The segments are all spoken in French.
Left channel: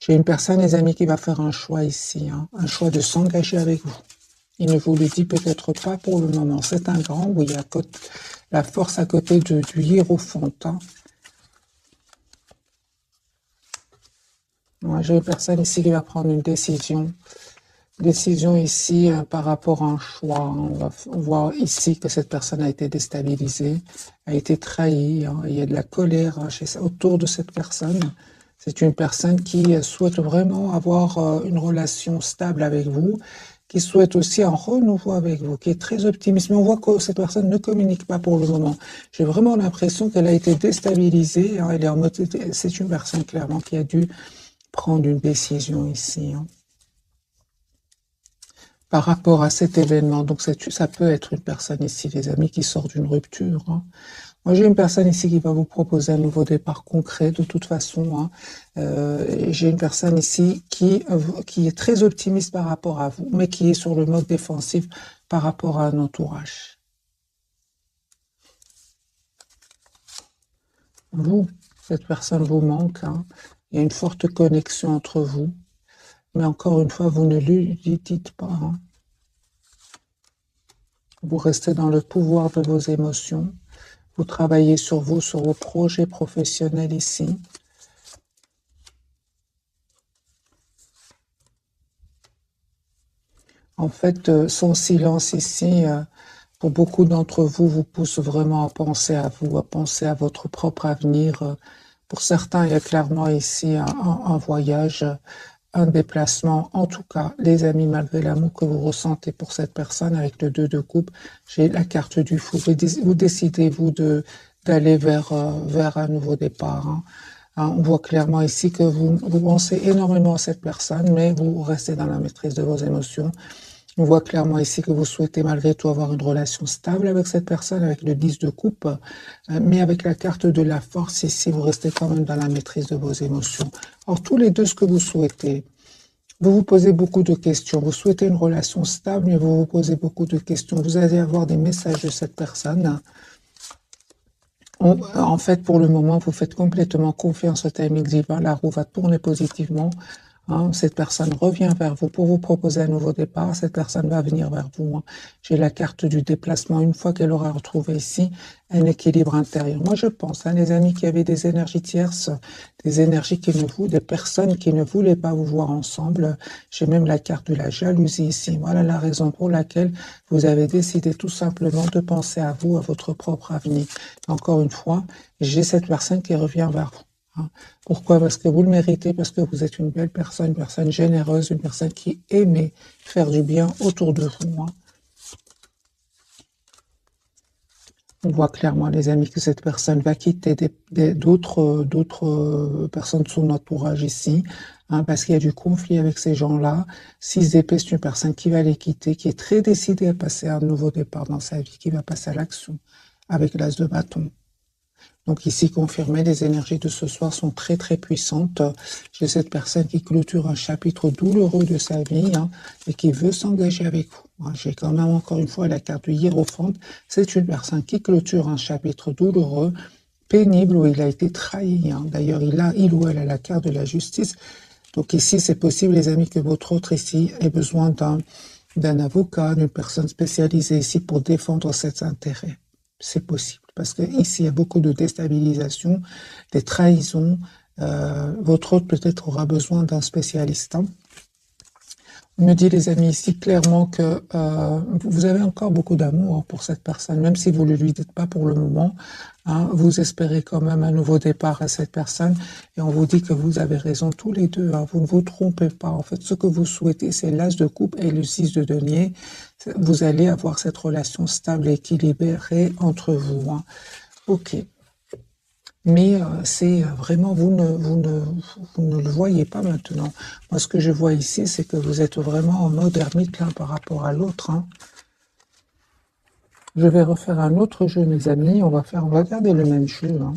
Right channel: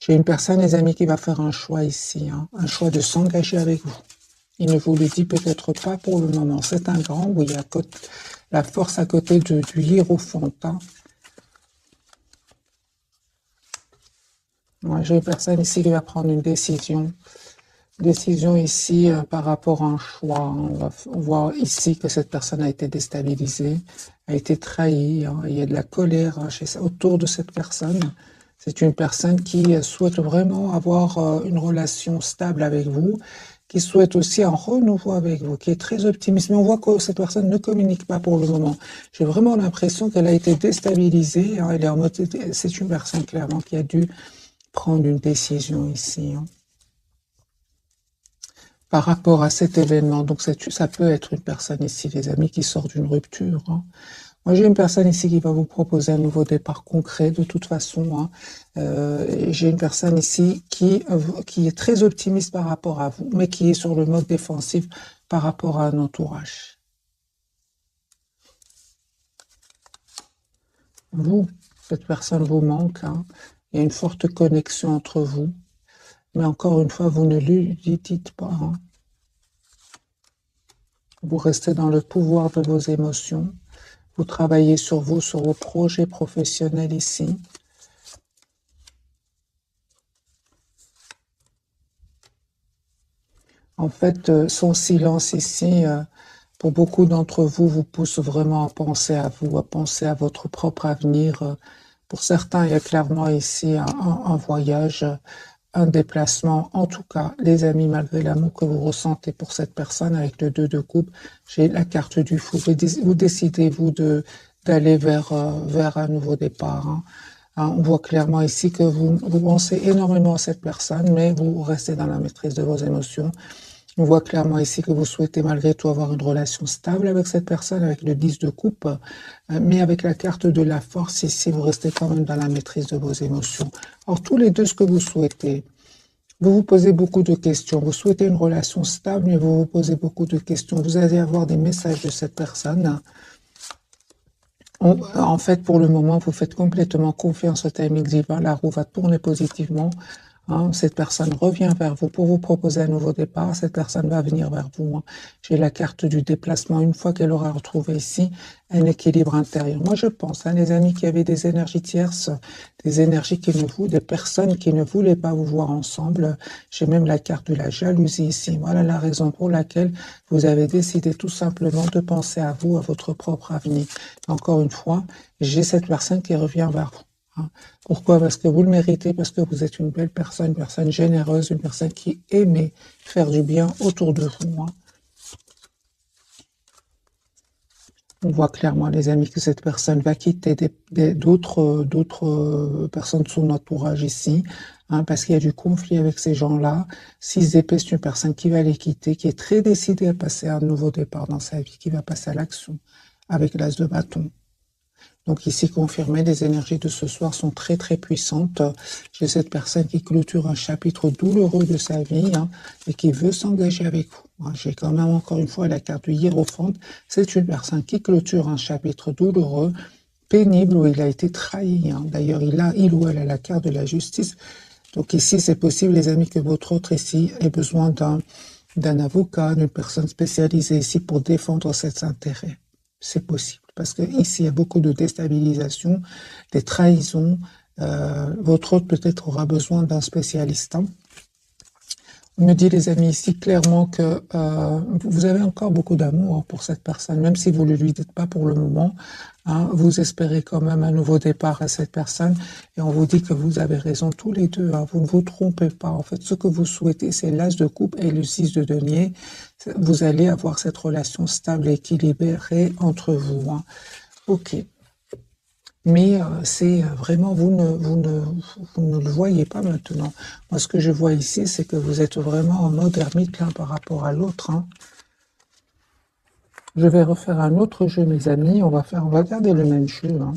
J'ai une personne, les amis, qui va faire un choix ici, hein, un choix de s'engager avec vous. Il ne vous le dit peut-être pas pour le moment. C'est un grand, oui, il y a la force à côté du hiérophant. Hein. Moi, j'ai une personne ici qui va prendre une décision. Décision ici par rapport à un choix. On voit ici que cette personne a été déstabilisée, a été trahie. Hein. Il y a de la colère hein, autour de cette personne. C'est une personne qui souhaite vraiment avoir une relation stable avec vous, qui souhaite aussi un renouveau avec vous, qui est très optimiste. Mais on voit que cette personne ne communique pas pour le moment. J'ai vraiment l'impression qu'elle a été déstabilisée. Hein. Elle est en mode, c'est une personne clairement qui a dû prendre une décision ici. Hein. Par rapport à cet événement. Donc, ça peut être une personne ici, les amis, qui sort d'une rupture. Hein. Moi, j'ai une personne ici qui va vous proposer un nouveau départ concret, de toute façon. Hein. J'ai une personne ici qui est très optimiste par rapport à vous, mais qui est sur le mode défensif par rapport à un entourage. Vous, cette personne vous manque. Hein. Il y a une forte connexion entre vous. Mais encore une fois, vous ne lui dites pas. Hein. Vous restez dans le pouvoir de vos émotions. Vous travaillez sur vous, sur vos projets professionnels ici. En fait, son silence ici, pour beaucoup d'entre vous, vous pousse vraiment à penser à vous, à penser à votre propre avenir. Pour certains, il y a clairement ici un voyage, un déplacement. En tout cas, les amis, malgré l'amour que vous ressentez pour cette personne avec le 2 de coupe, j'ai la carte du fou. Vous décidez, vous, d'aller vers un nouveau départ. Hein. Hein, on voit clairement ici que vous pensez énormément à cette personne, mais vous restez dans la maîtrise de vos émotions. On voit clairement ici que vous souhaitez malgré tout avoir une relation stable avec cette personne, avec le 10 de coupe, mais avec la carte de la force ici, vous restez quand même dans la maîtrise de vos émotions. Alors, tous les deux, ce que vous souhaitez, vous vous posez beaucoup de questions. Vous souhaitez une relation stable, mais vous vous posez beaucoup de questions. Vous allez avoir des messages de cette personne. En fait, pour le moment, vous faites complètement confiance au timing divin. La roue va tourner positivement. Hein, cette personne revient vers vous pour vous proposer un nouveau départ. Cette personne va venir vers vous. Hein. J'ai la carte du déplacement. Une fois qu'elle aura retrouvé ici un équilibre intérieur. Moi, je pense, hein, les amis qui avaient des énergies tierces, des énergies des personnes qui ne voulaient pas vous voir ensemble. J'ai même la carte de la jalousie ici. Voilà la raison pour laquelle vous avez décidé tout simplement de penser à vous, à votre propre avenir. Encore une fois, j'ai cette personne qui revient vers vous. Hein. Pourquoi? Parce que vous le méritez, parce que vous êtes une belle personne, une personne généreuse, une personne qui aimait faire du bien autour de vous. Hein. On voit clairement, les amis, que cette personne va quitter d'autres personnes de son entourage ici, hein, parce qu'il y a du conflit avec ces gens-là. 6 d'épée, c'est une personne qui va les quitter, qui est très décidée à passer à un nouveau départ dans sa vie, qui va passer à l'action avec l'as de bâton. Donc ici, confirmé, les énergies de ce soir sont très très puissantes. J'ai cette personne qui clôture un chapitre douloureux de sa vie hein, et qui veut s'engager avec vous. J'ai quand même encore une fois la carte du hiérophant. C'est une personne qui clôture un chapitre douloureux, pénible, où il a été trahi. Hein. D'ailleurs, il ou elle a la carte de la justice. Donc ici, c'est possible, les amis, que votre autre ici ait besoin d'un avocat, d'une personne spécialisée ici pour défendre ses intérêts. C'est possible. Parce que ici, il y a beaucoup de déstabilisation, des trahisons. Votre autre peut-être aura besoin d'un spécialiste. Hein. On me dit, les amis, ici, clairement que vous avez encore beaucoup d'amour pour cette personne, même si vous ne lui dites pas pour le moment. Hein, vous espérez quand même un nouveau départ à cette personne. Et on vous dit que vous avez raison tous les deux. Hein, vous ne vous trompez pas. En fait, ce que vous souhaitez, c'est l'as de coupe et le 6 de denier. Vous allez avoir cette relation stable et équilibrée entre vous. Hein. Ok. Mais c'est vraiment, vous ne le voyez pas maintenant. Moi, ce que je vois ici, c'est que vous êtes vraiment en mode ermite l'un par rapport à l'autre. Hein. Je vais refaire un autre jeu, mes amis. On va garder le même jeu. Hein.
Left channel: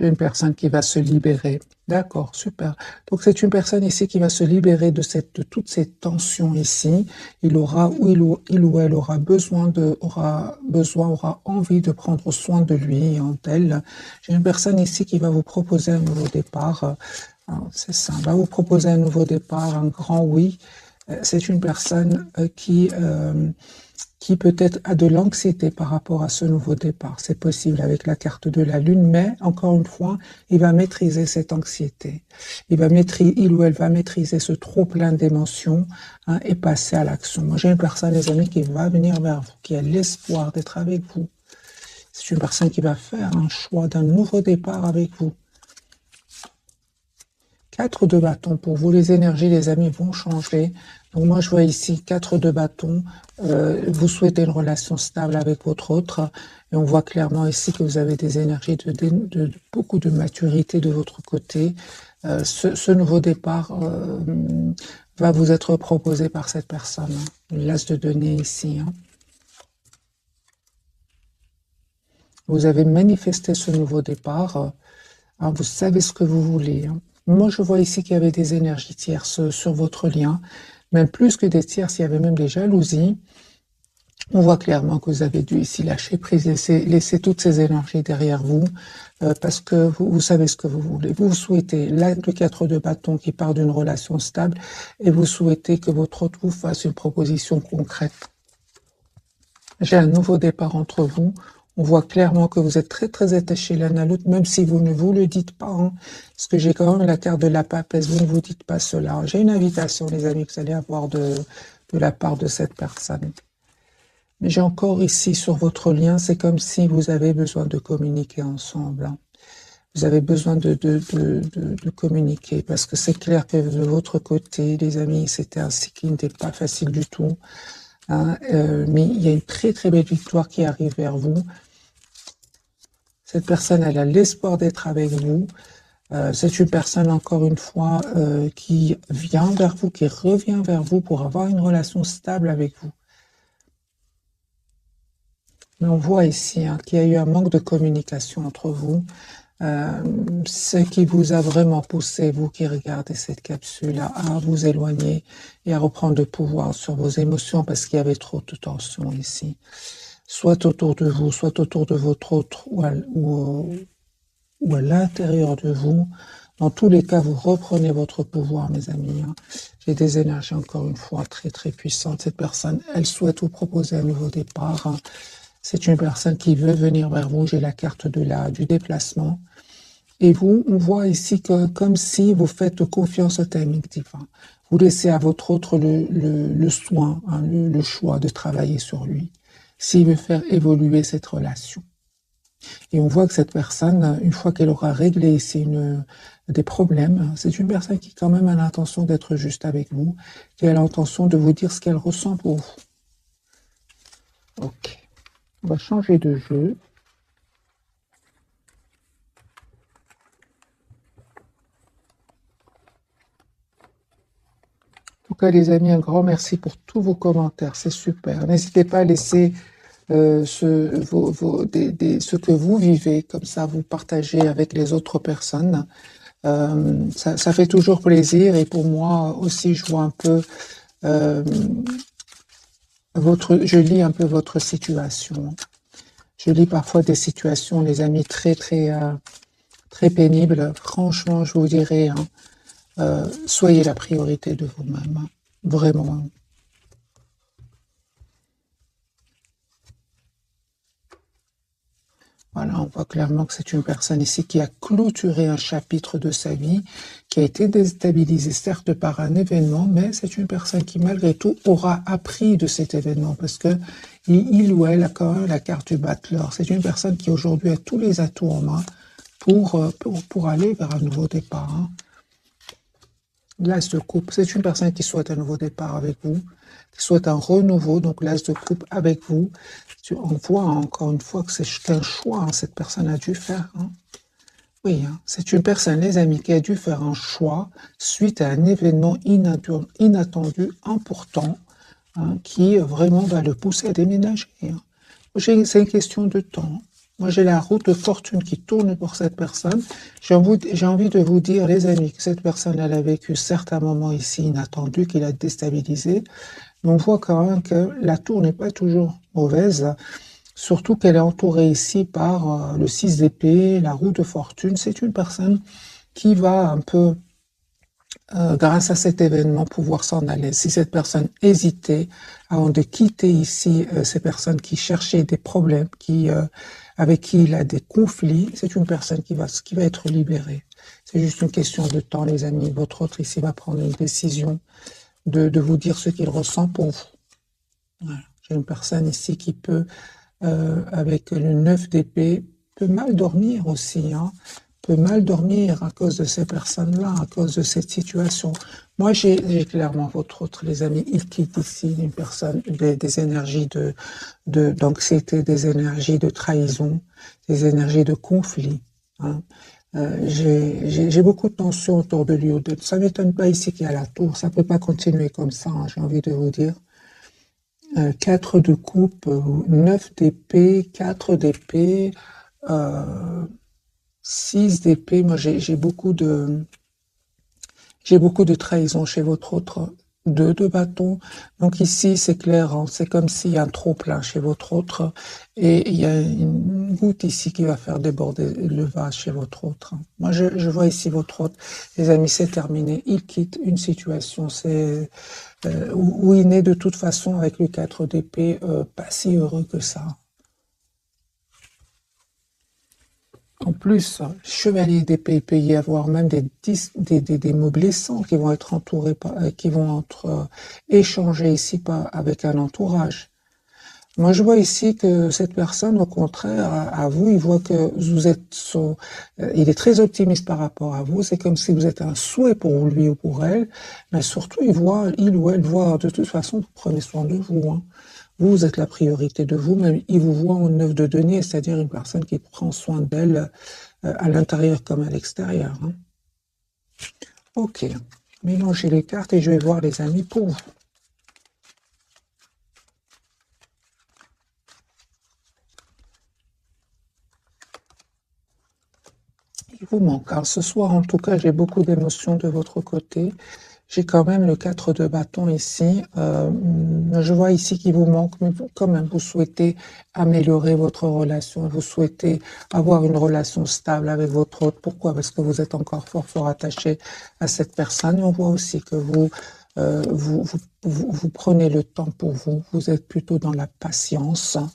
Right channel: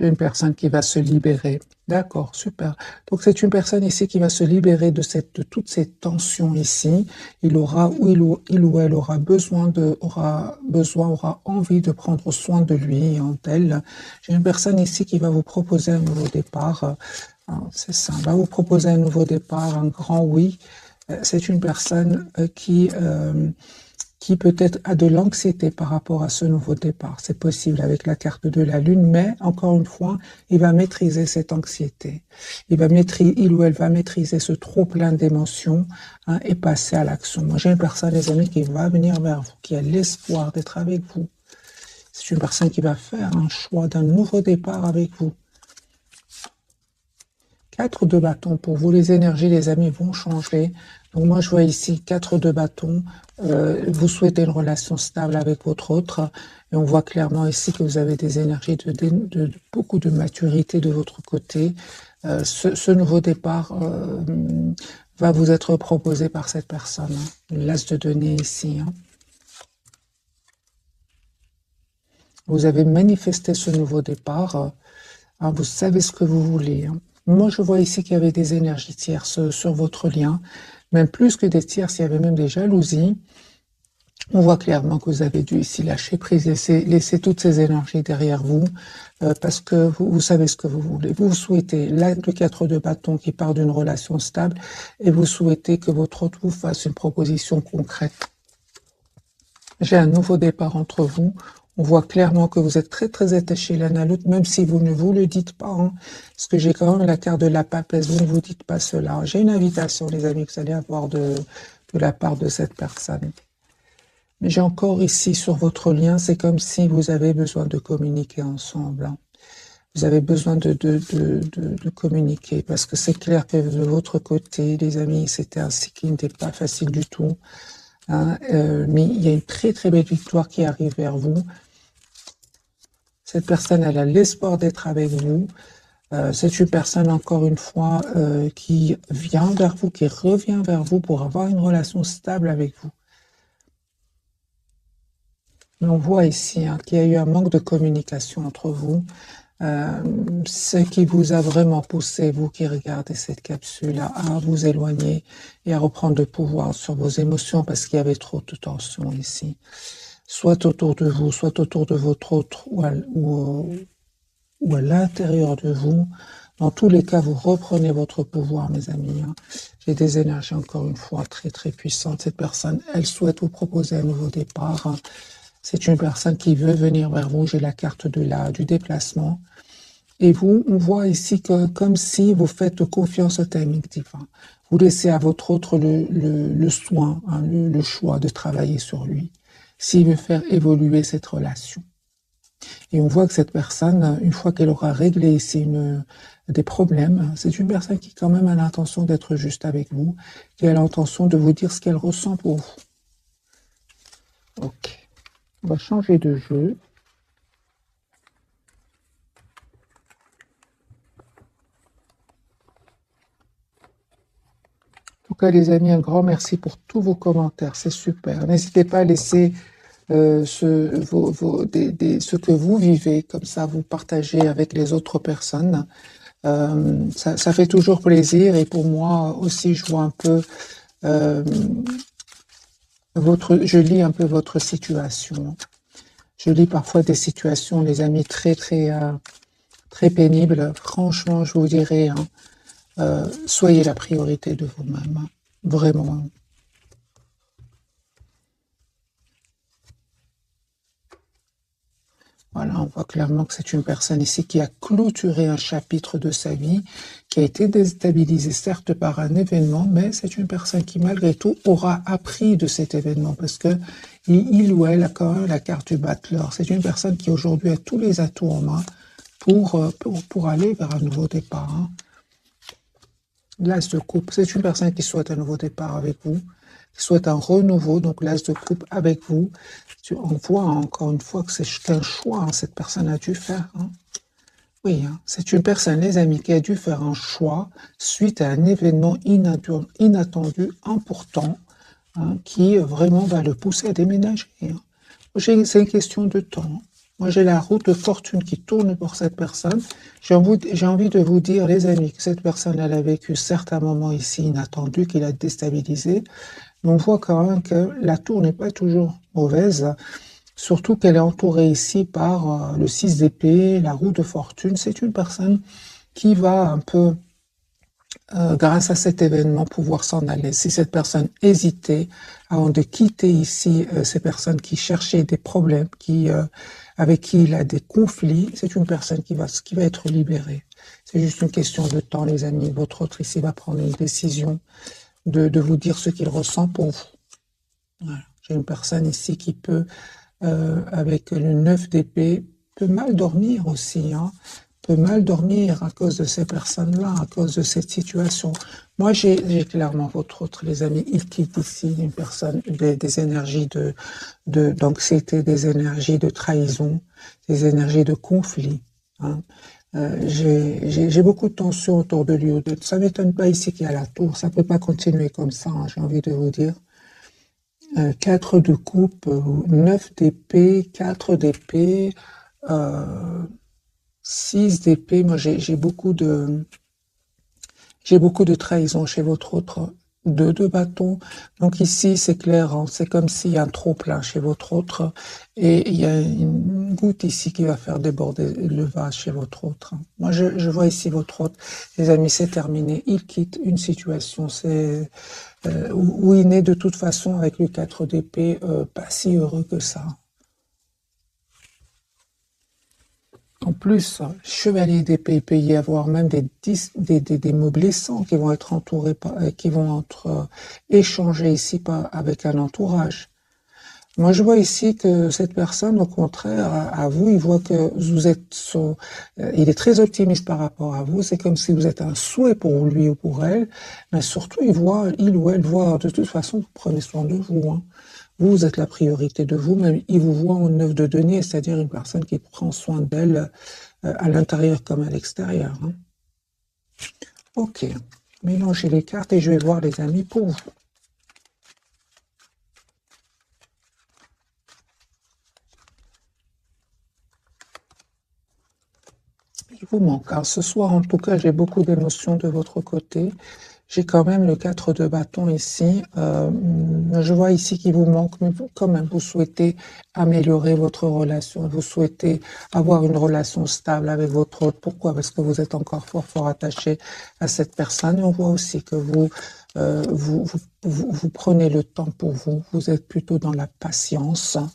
J'ai une personne qui va se libérer. D'accord, super. Donc c'est une personne ici qui va se libérer de toutes ces tensions ici. Il ou elle aura envie de prendre soin de lui et d'elle. J'ai une personne ici qui va vous proposer un nouveau départ. C'est ça, va vous proposer un nouveau départ, un grand oui. C'est une personne qui peut-être a de l'anxiété par rapport à ce nouveau départ. C'est possible avec la carte de la Lune, mais encore une fois, il va maîtriser cette anxiété. Il ou elle va maîtriser ce trop plein d'émotions et passer à l'action. Moi, j'ai une personne, les amis, qui va venir vers vous, qui a l'espoir d'être avec vous. C'est une personne qui va faire un choix d'un nouveau départ avec vous. 4 de bâton pour vous, les énergies, les amis, vont changer. Donc moi, je vois ici 4 de bâton. Vous souhaitez une relation stable avec votre autre. Et on voit clairement ici que vous avez des énergies de beaucoup de maturité de votre côté. Ce nouveau départ va vous être proposé par cette personne. L'as de denier ici. Vous avez manifesté ce nouveau départ. Vous savez ce que vous voulez. Moi, je vois ici qu'il y avait des énergies tierces sur votre lien. Même plus que des tierces, il y avait même des jalousies. On voit clairement que vous avez dû ici lâcher prise, laisser toutes ces énergies derrière vous, parce que vous savez ce que vous voulez. Vous souhaitez le 4 de bâton qui part d'une relation stable, et vous souhaitez que votre autre vous fasse une proposition concrète. J'ai un nouveau départ entre vous. On voit clairement que vous êtes très très attachés l'un à l'autre, même si vous ne vous le dites pas. Parce que j'ai quand même la carte de la papesse, vous ne vous dites pas cela. J'ai une invitation, les amis, que vous allez avoir de la part de cette personne. Mais j'ai encore ici sur votre lien, c'est comme si vous avez besoin de communiquer ensemble. Vous avez besoin de communiquer, parce que c'est clair que de votre côté, les amis, c'était un cycle qui n'était pas facile du tout. Mais il y a une très très belle victoire qui arrive vers vous. Cette personne, elle a l'espoir d'être avec vous. C'est une personne, encore une fois, qui vient vers vous, qui revient vers vous pour avoir une relation stable avec vous. Mais on voit ici qu'il y a eu un manque de communication entre vous. Ce qui vous a vraiment poussé, vous qui regardez cette capsule, à vous éloigner et à reprendre le pouvoir sur vos émotions parce qu'il y avait trop de tension ici. Soit autour de vous, soit autour de votre autre ou à l'intérieur de vous. Dans tous les cas, vous reprenez votre pouvoir, mes amis. J'ai des énergies, encore une fois, très très puissantes. Cette personne, elle souhaite vous proposer un nouveau départ. C'est une personne qui veut venir vers vous. J'ai la carte du déplacement. Et vous, on voit ici que comme si vous faites confiance au timing divin. Vous laissez à votre autre le soin, le choix de travailler sur lui, s'il veut faire évoluer cette relation. Et on voit que cette personne, une fois qu'elle aura réglé ici des problèmes, c'est une personne qui quand même a l'intention d'être juste avec vous, qui a l'intention de vous dire ce qu'elle ressent pour vous. Ok. On va changer de jeu. En tout cas, les amis, un grand merci pour tous vos commentaires. C'est super. N'hésitez pas à laisser ce que vous vivez, comme ça vous partagez avec les autres personnes. Ça fait toujours plaisir et pour moi aussi, je vois un peu je lis un peu votre situation. Je lis parfois des situations, les amis, très pénibles. Franchement, je vous dirais, soyez la priorité de vous-même, vraiment. Voilà, on voit clairement que c'est une personne ici qui a clôturé un chapitre de sa vie, qui a été déstabilisée certes par un événement, mais c'est une personne qui malgré tout aura appris de cet événement parce que il ou elle a quand même la carte du battleur. C'est une personne qui aujourd'hui a tous les atouts en main pour aller vers un nouveau départ. L'as de coupe, c'est une personne qui souhaite un nouveau départ avec vous, qui souhaite un renouveau, donc l'as de coupe avec vous. On voit encore une fois que c'est un choix, cette personne a dû faire. Oui, c'est une personne, les amis, qui a dû faire un choix suite à un événement inattendu, important, qui vraiment va le pousser à déménager. C'est une question de temps. Moi, j'ai la roue de fortune qui tourne pour cette personne. J'ai envie de vous dire, les amis, que cette personne, elle a vécu certains moments ici inattendus, qui l'a déstabilisé. Mais on voit quand même que la tour n'est pas toujours mauvaise, surtout qu'elle est entourée ici par le 6 d'épée, la roue de fortune. C'est une personne qui va un peu, grâce à cet événement, pouvoir s'en aller. Si cette personne hésitait avant de quitter ici, ces personnes qui cherchaient des problèmes, avec qui il a des conflits, c'est une personne qui va être libérée. C'est juste une question de temps, les amis. Votre autre ici va prendre une décision de vous dire ce qu'il ressent pour vous. Voilà. J'ai une personne ici qui peut, avec le 9 d'épée, peut mal dormir aussi, hein, peut mal dormir à cause de ces personnes-là, à cause de cette situation. Moi, j'ai clairement votre autre, les amis. Il quitte ici une personne, des énergies d'anxiété, des énergies de trahison, des énergies de conflit, hein. J'ai beaucoup de tension autour de lui. Ça m'étonne pas ici qu'il y a la tour. Ça peut pas continuer comme ça, hein, j'ai envie de vous dire. 4 de coupe, 9 d'épée, 4 d'épée, 6 d'épée. Moi, j'ai beaucoup de trahison chez votre autre. 2 de bâton. Donc ici, c'est clair, hein, c'est comme s'il y a un trop plein chez votre autre et il y a une goutte ici qui va faire déborder le vase chez votre autre. Moi, je vois ici votre autre. Les amis, c'est terminé. Il quitte une situation, où il n'est de toute façon avec le 4 d'épée pas si heureux que ça. En plus, chevalier d'épée, il peut y avoir même des mots blessants qui vont être entourés qui vont être échangés ici avec un entourage. Moi, je vois ici que cette personne, au contraire, à vous, il voit que vous êtes il est très optimiste par rapport à vous. C'est comme si vous êtes un souhait pour lui ou pour elle. Mais surtout, il ou elle voit, de toute façon, vous prenez soin de vous, hein. Vous êtes la priorité de vous-même. Il vous voit en 9 de denier, c'est-à-dire une personne qui prend soin d'elle à l'intérieur comme à l'extérieur, hein. Ok. Mélangez les cartes et je vais voir les amis pour vous. Il vous manque. Alors ce soir, en tout cas, j'ai beaucoup d'émotions de votre côté. J'ai quand même le 4 de bâton ici. Je vois ici qu'il vous manque, mais quand même, vous souhaitez améliorer votre relation. Vous souhaitez avoir une relation stable avec votre autre. Pourquoi? Parce que vous êtes encore fort attaché à cette personne. Et on voit aussi que vous prenez le temps pour vous. Vous êtes plutôt dans la patience, hein.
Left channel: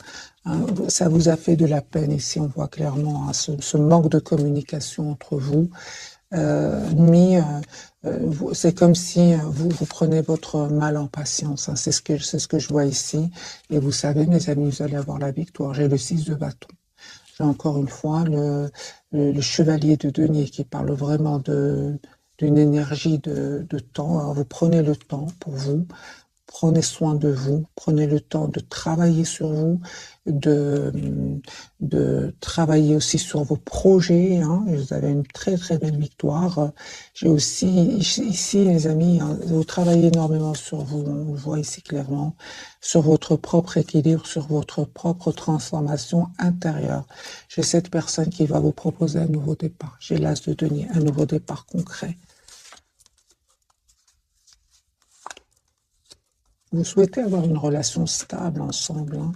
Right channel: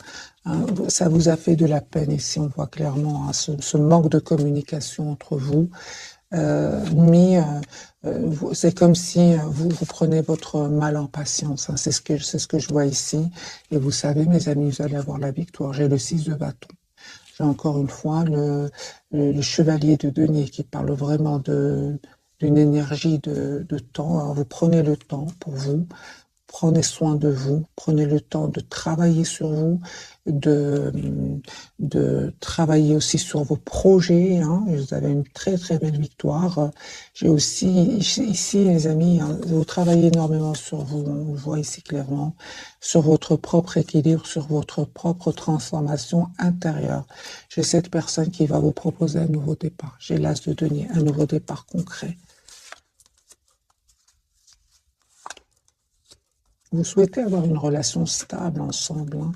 Ça vous a fait de la peine ici. On voit clairement, hein, ce manque de communication entre vous. Mais c'est comme si vous prenez votre mal en patience, hein. C'est ce que je vois ici. Et vous savez, mes amis, vous allez avoir la victoire. J'ai le 6 de bâton. J'ai encore une fois le chevalier de denier qui parle vraiment d'une énergie de temps. Alors, vous prenez le temps pour vous. Prenez soin de vous, prenez le temps de travailler sur vous, de, de travailler aussi sur vos projets, hein. Vous avez une très belle victoire. J'ai aussi ici, les amis, hein, vous travaillez énormément sur vous, on voit ici clairement, sur votre propre équilibre, sur votre propre transformation intérieure. J'ai cette personne qui va vous proposer un nouveau départ. J'ai l'as de denier, un nouveau départ concret. Vous souhaitez avoir une relation stable ensemble, hein.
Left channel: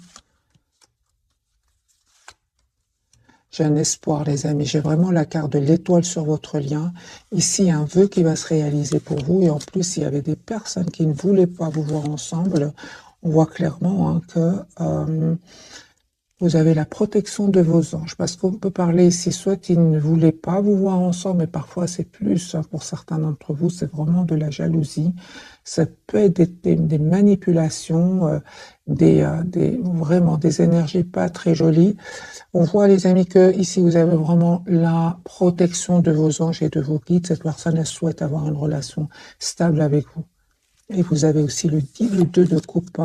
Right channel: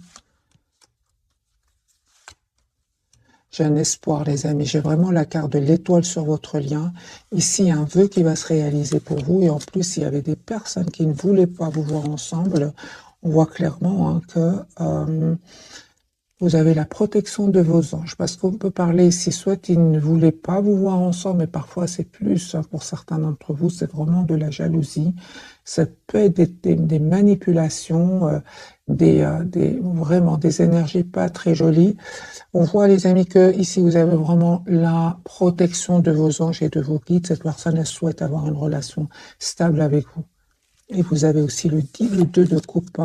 J'ai un espoir, les amis. J'ai vraiment la carte de l'étoile sur votre lien. Ici, un vœu qui va se réaliser pour vous. Et en plus, il y avait des personnes qui ne voulaient pas vous voir ensemble. On voit clairement, hein, que vous avez la protection de vos anges. Parce qu'on peut parler ici, soit ils ne voulaient pas vous voir ensemble, mais parfois c'est plus, hein, pour certains d'entre vous, c'est vraiment de la jalousie. Ça peut être des manipulations, vraiment des énergies pas très jolies. On voit, les amis, que ici vous avez vraiment la protection de vos anges et de vos guides. Cette personne, elle souhaite avoir une relation stable avec vous. Et vous avez aussi le 2 de coupe.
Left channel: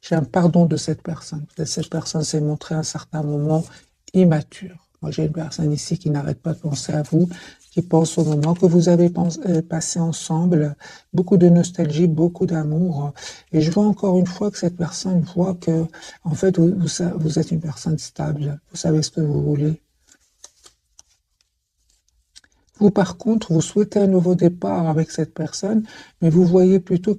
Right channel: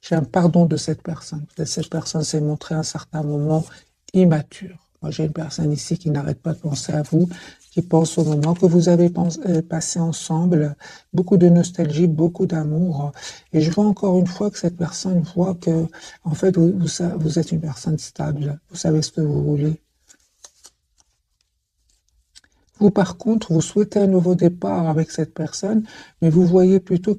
J'ai un pardon de cette personne. Cette personne s'est montrée à un certain moment immature. Moi, j'ai une personne ici qui n'arrête pas de penser à vous, qui pense au moment que vous avez passé ensemble, beaucoup de nostalgie, beaucoup d'amour. Et je vois encore une fois que cette personne voit que, en fait, vous êtes une personne stable, vous savez ce que vous voulez. Vous, par contre, vous souhaitez un nouveau départ avec cette personne, mais vous voyez plutôt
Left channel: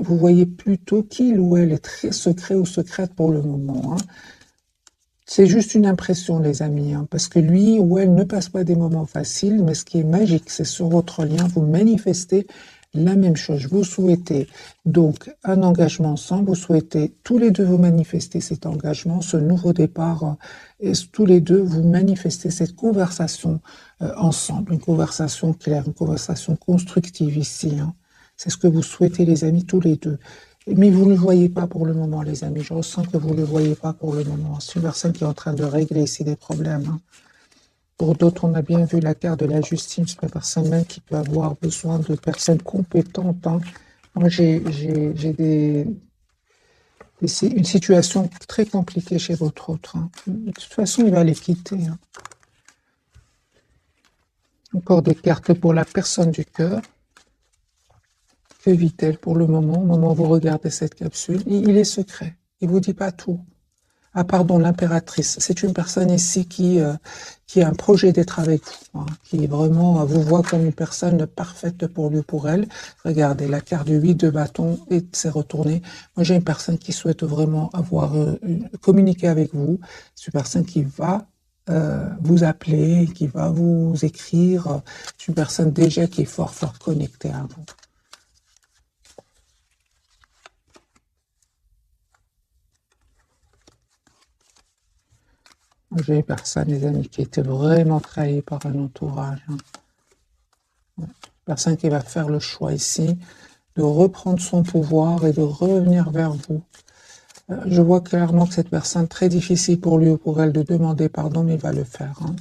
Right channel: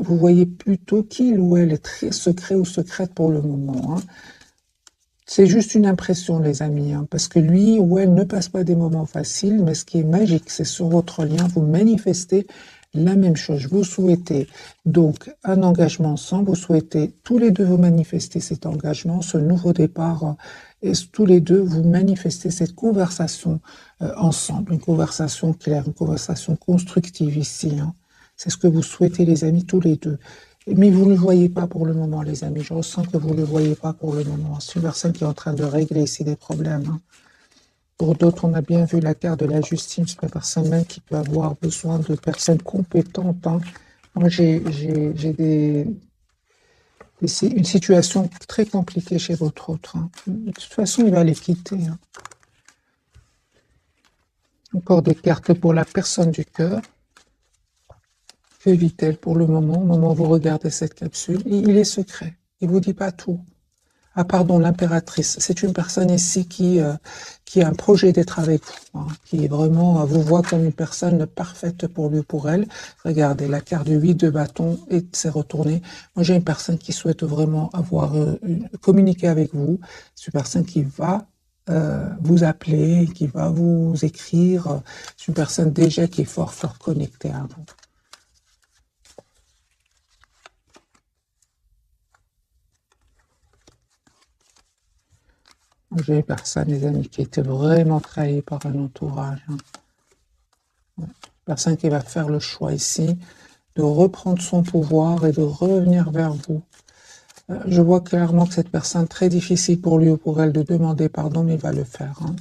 vous voyez plutôt qu'il ou elle est très secret ou secrète pour le moment, hein. C'est juste une impression, les amis, hein, parce que lui ou elle ne passe pas des moments faciles, mais ce qui est magique, c'est sur votre lien, vous manifestez la même chose. Vous souhaitez donc un engagement ensemble, vous souhaitez tous les deux vous manifester cet engagement, ce nouveau départ, et tous les deux vous manifestez cette conversation ensemble, une conversation claire, une conversation constructive ici, hein. C'est ce que vous souhaitez, les amis, tous les deux. Mais vous ne le voyez pas pour le moment, les amis. Je ressens que vous ne le voyez pas pour le moment. C'est une personne qui est en train de régler ici des problèmes, hein. Pour d'autres, on a bien vu la carte de la justice. C'est une personne même qui peut avoir besoin de personnes compétentes, hein. Moi, j'ai une situation très compliquée chez votre autre, hein. De toute façon, il va les quitter, hein. Encore des cartes pour la personne du cœur. Que vit-elle pour le moment, au moment où vous regardez cette capsule? Il est secret. Il ne vous dit pas tout. Ah pardon, l'impératrice. C'est une personne ici qui a un projet d'être avec vous, hein, qui est vraiment vous voit comme une personne parfaite pour lui ou pour elle. Regardez, la carte du 8 de bâton et s'est retournée. Moi, j'ai une personne qui souhaite vraiment avoir communiqué avec vous. C'est une personne qui va vous appeler, qui va vous écrire. C'est une personne déjà qui est fort, fort connectée à vous. J'ai une personne, les amis, qui était vraiment trahie par un entourage, hein. Ouais. Personne qui va faire le choix ici de reprendre son pouvoir et de revenir vers vous. Je vois clairement que cette personne, très difficile pour lui ou pour elle de demander pardon, mais il va le faire, hein.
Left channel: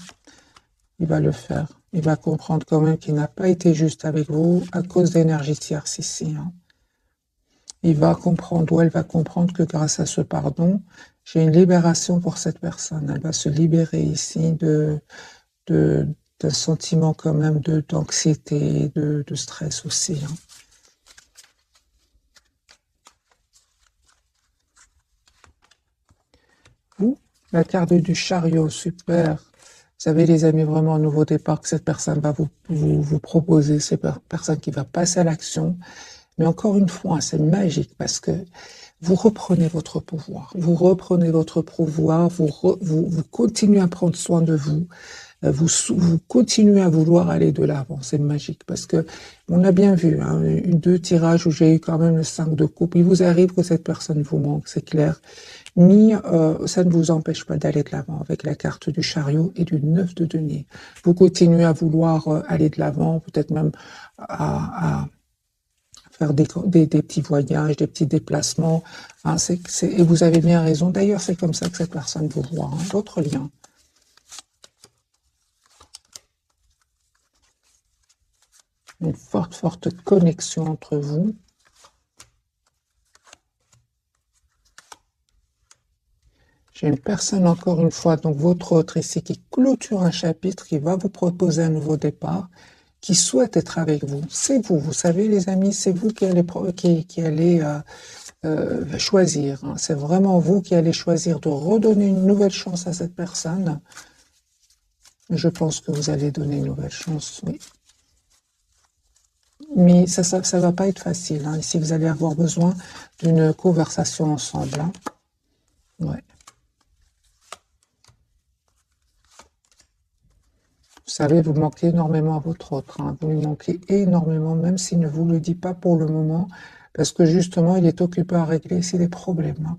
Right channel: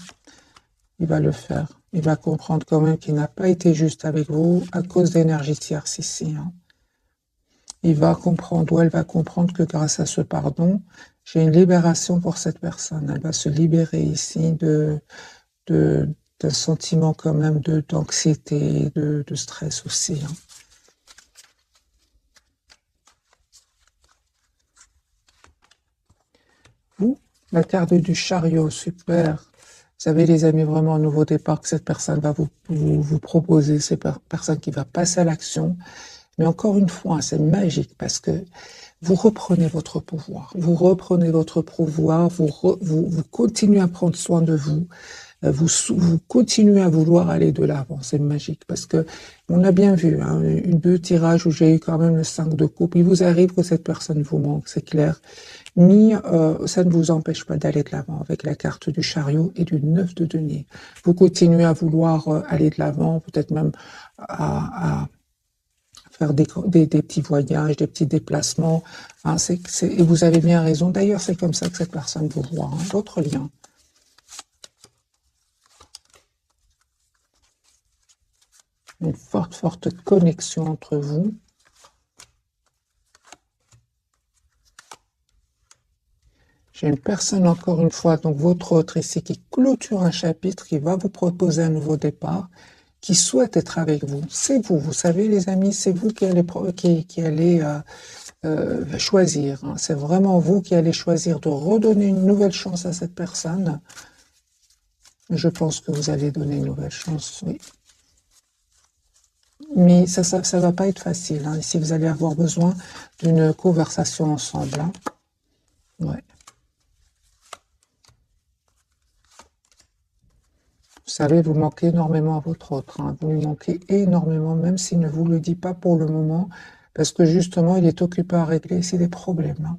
Il va le faire. Il va comprendre quand même qu'il n'a pas été juste avec vous à cause d'énergie tierce ici, hein. Il va comprendre, ou elle va comprendre que grâce à ce pardon, j'ai une libération pour cette personne. Elle va se libérer ici d'un sentiment quand même d'anxiété, de stress aussi, hein. La carte du chariot, super. Vous savez, les amis, vraiment un nouveau départ que cette personne va vous proposer. C'est une personne qui va passer à l'action. Mais encore une fois, c'est magique parce que vous reprenez votre pouvoir. Vous reprenez votre pouvoir, vous continuez à prendre soin de vous. Vous continuez à vouloir aller de l'avant. C'est magique parce que on a bien vu, hein, deux tirages où j'ai eu quand même le 5 de coupe. Il vous arrive que cette personne vous manque, c'est clair. Ni ça ne vous empêche pas d'aller de l'avant avec la carte du chariot et du 9 de denier. Vous continuez à vouloir aller de l'avant, peut-être même à faire des petits voyages, des petits déplacements, hein, et vous avez bien raison. D'ailleurs, c'est comme ça que cette personne vous voit, hein, votre lien. Une forte, forte connexion entre vous. J'ai une personne, encore une fois, donc votre autre ici, qui clôture un chapitre, qui va vous proposer un nouveau départ, qui souhaite être avec vous. C'est vous, vous savez, les amis, c'est vous qui allez choisir, hein. C'est vraiment vous qui allez choisir de redonner une nouvelle chance à cette personne. Je pense que vous allez donner une nouvelle chance, oui. Mais ça va pas être facile, hein. Ici, vous allez avoir besoin d'une conversation ensemble, hein. Ouais. Vous savez, vous manquez énormément à votre autre, hein. Vous lui manquez énormément, même s'il ne vous le dit pas pour le moment, parce que justement, il est occupé à régler ici des problèmes, hein.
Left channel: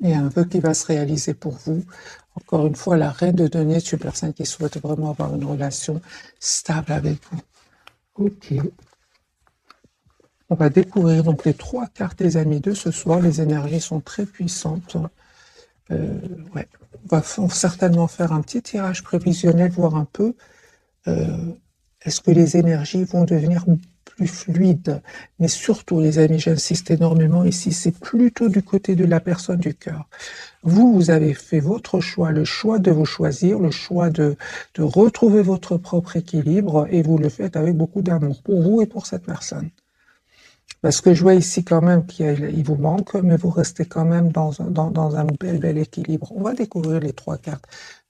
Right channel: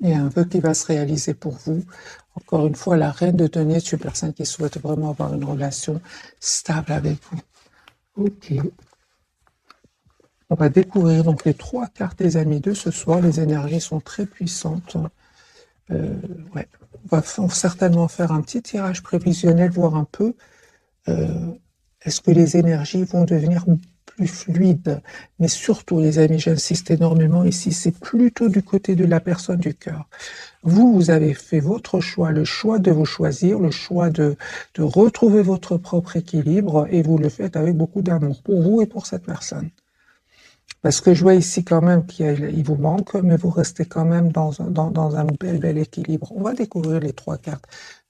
Il y a un vœu qui va se réaliser pour vous. Encore une fois, la reine de denier, c'est une personne qui souhaite vraiment avoir une relation stable avec vous. Ok. On va découvrir donc les 3 cartes des amis de ce soir. Les énergies sont très puissantes. Ouais. On va certainement faire un petit tirage prévisionnel, voir un peu est-ce que les énergies vont devenir plus fluide. Mais surtout, les amis, j'insiste énormément ici, c'est plutôt du côté de la personne du cœur. Vous avez fait votre choix, le choix de vous choisir, le choix de retrouver votre propre équilibre, et vous le faites avec beaucoup d'amour pour vous et pour cette personne. Parce que je vois ici quand même qu'il vous manque, mais vous restez quand même dans un bel équilibre. On va découvrir les 3 cartes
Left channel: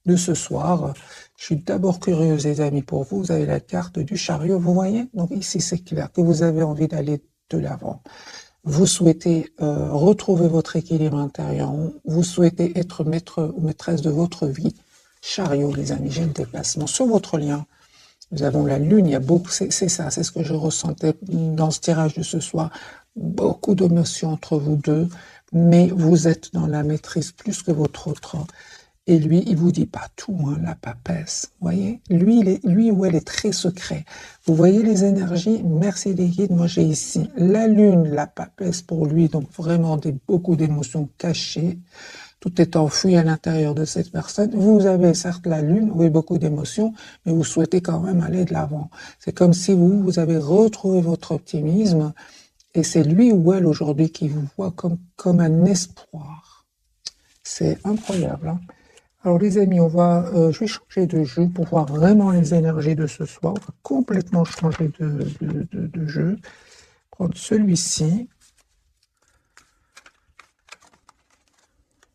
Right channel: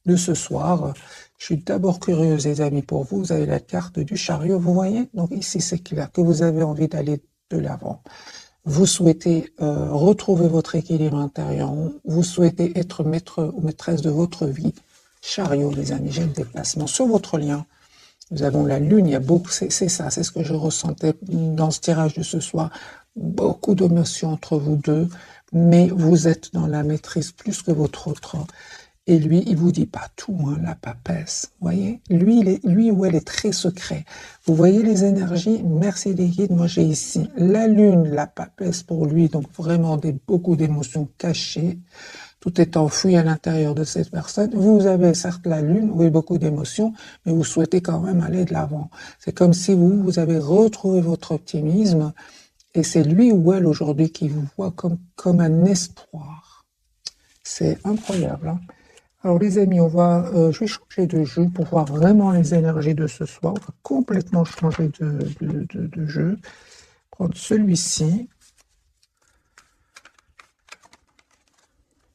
de ce soir. Je suis d'abord curieuse, les amis, pour vous. Vous avez la carte du chariot, vous voyez? Donc ici, c'est clair que vous avez envie d'aller de l'avant. Vous souhaitez retrouver votre équilibre intérieur. Vous souhaitez être maître ou maîtresse de votre vie. Chariot, les amis, j'ai le déplacement sur votre lien. Nous avons la lune, il y a beaucoup, c'est ça, c'est ce que je ressentais dans ce tirage de ce soir. Beaucoup d'émotions entre vous deux, mais vous êtes dans la maîtrise plus que votre autre. Et lui, il vous dit pas tout, hein, la papesse. Vous voyez, lui ou elle est très secret. Vous voyez les énergies. Merci les guides. Moi, j'ai ici la lune, la papesse pour lui. Donc vraiment beaucoup d'émotions cachées. Tout est enfoui à l'intérieur de cette personne. Vous avez certes la lune, oui, beaucoup d'émotions, mais vous souhaitez quand même aller de l'avant. C'est comme si vous avez retrouvé votre optimisme. Et c'est lui ou elle aujourd'hui qui vous voit comme un espoir. C'est incroyable, hein. Alors les amis, je vais changer de jeu pour voir vraiment les énergies de ce soir. On va complètement changer de jeu. Prendre celui-ci.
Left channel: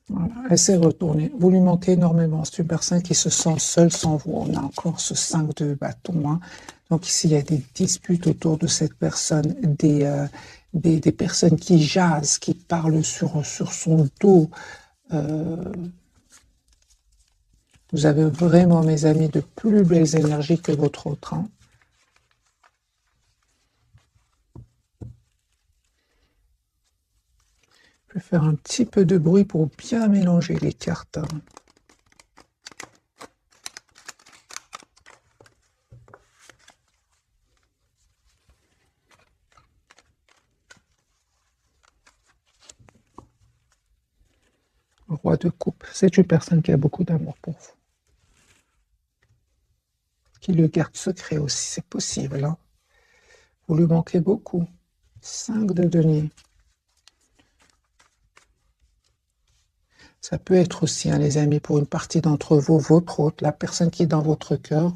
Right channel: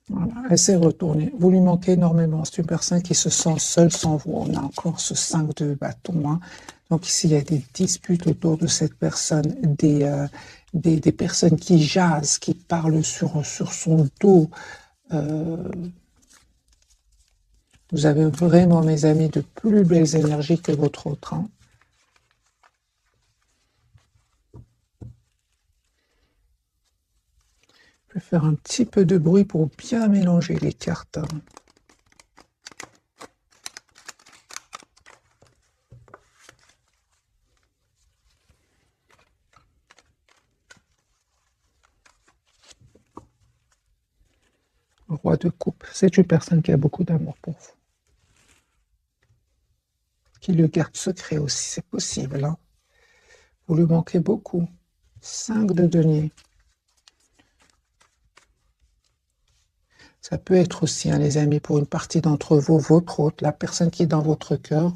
Voilà, elle s'est retournée. Vous lui manquez énormément. C'est une personne qui se sent seule sans vous. On a encore ce 5 de bâton, hein. Donc ici, il y a des disputes autour de cette personne, des personnes qui jasent, qui parlent sur son dos. Vous avez vraiment, mes amis, de plus belles énergies que votre autre, hein. Je vais faire un petit peu de bruit pour bien mélanger les cartes, hein. Roi de coupe, c'est une personne qui a beaucoup d'amour pour vous. Qui le garde secret aussi, c'est possible, hein. Vous lui manquez beaucoup. 5 de denier. Ça peut être aussi, hein, les amis, pour une partie d'entre vous, votre autre, la personne qui est dans votre cœur,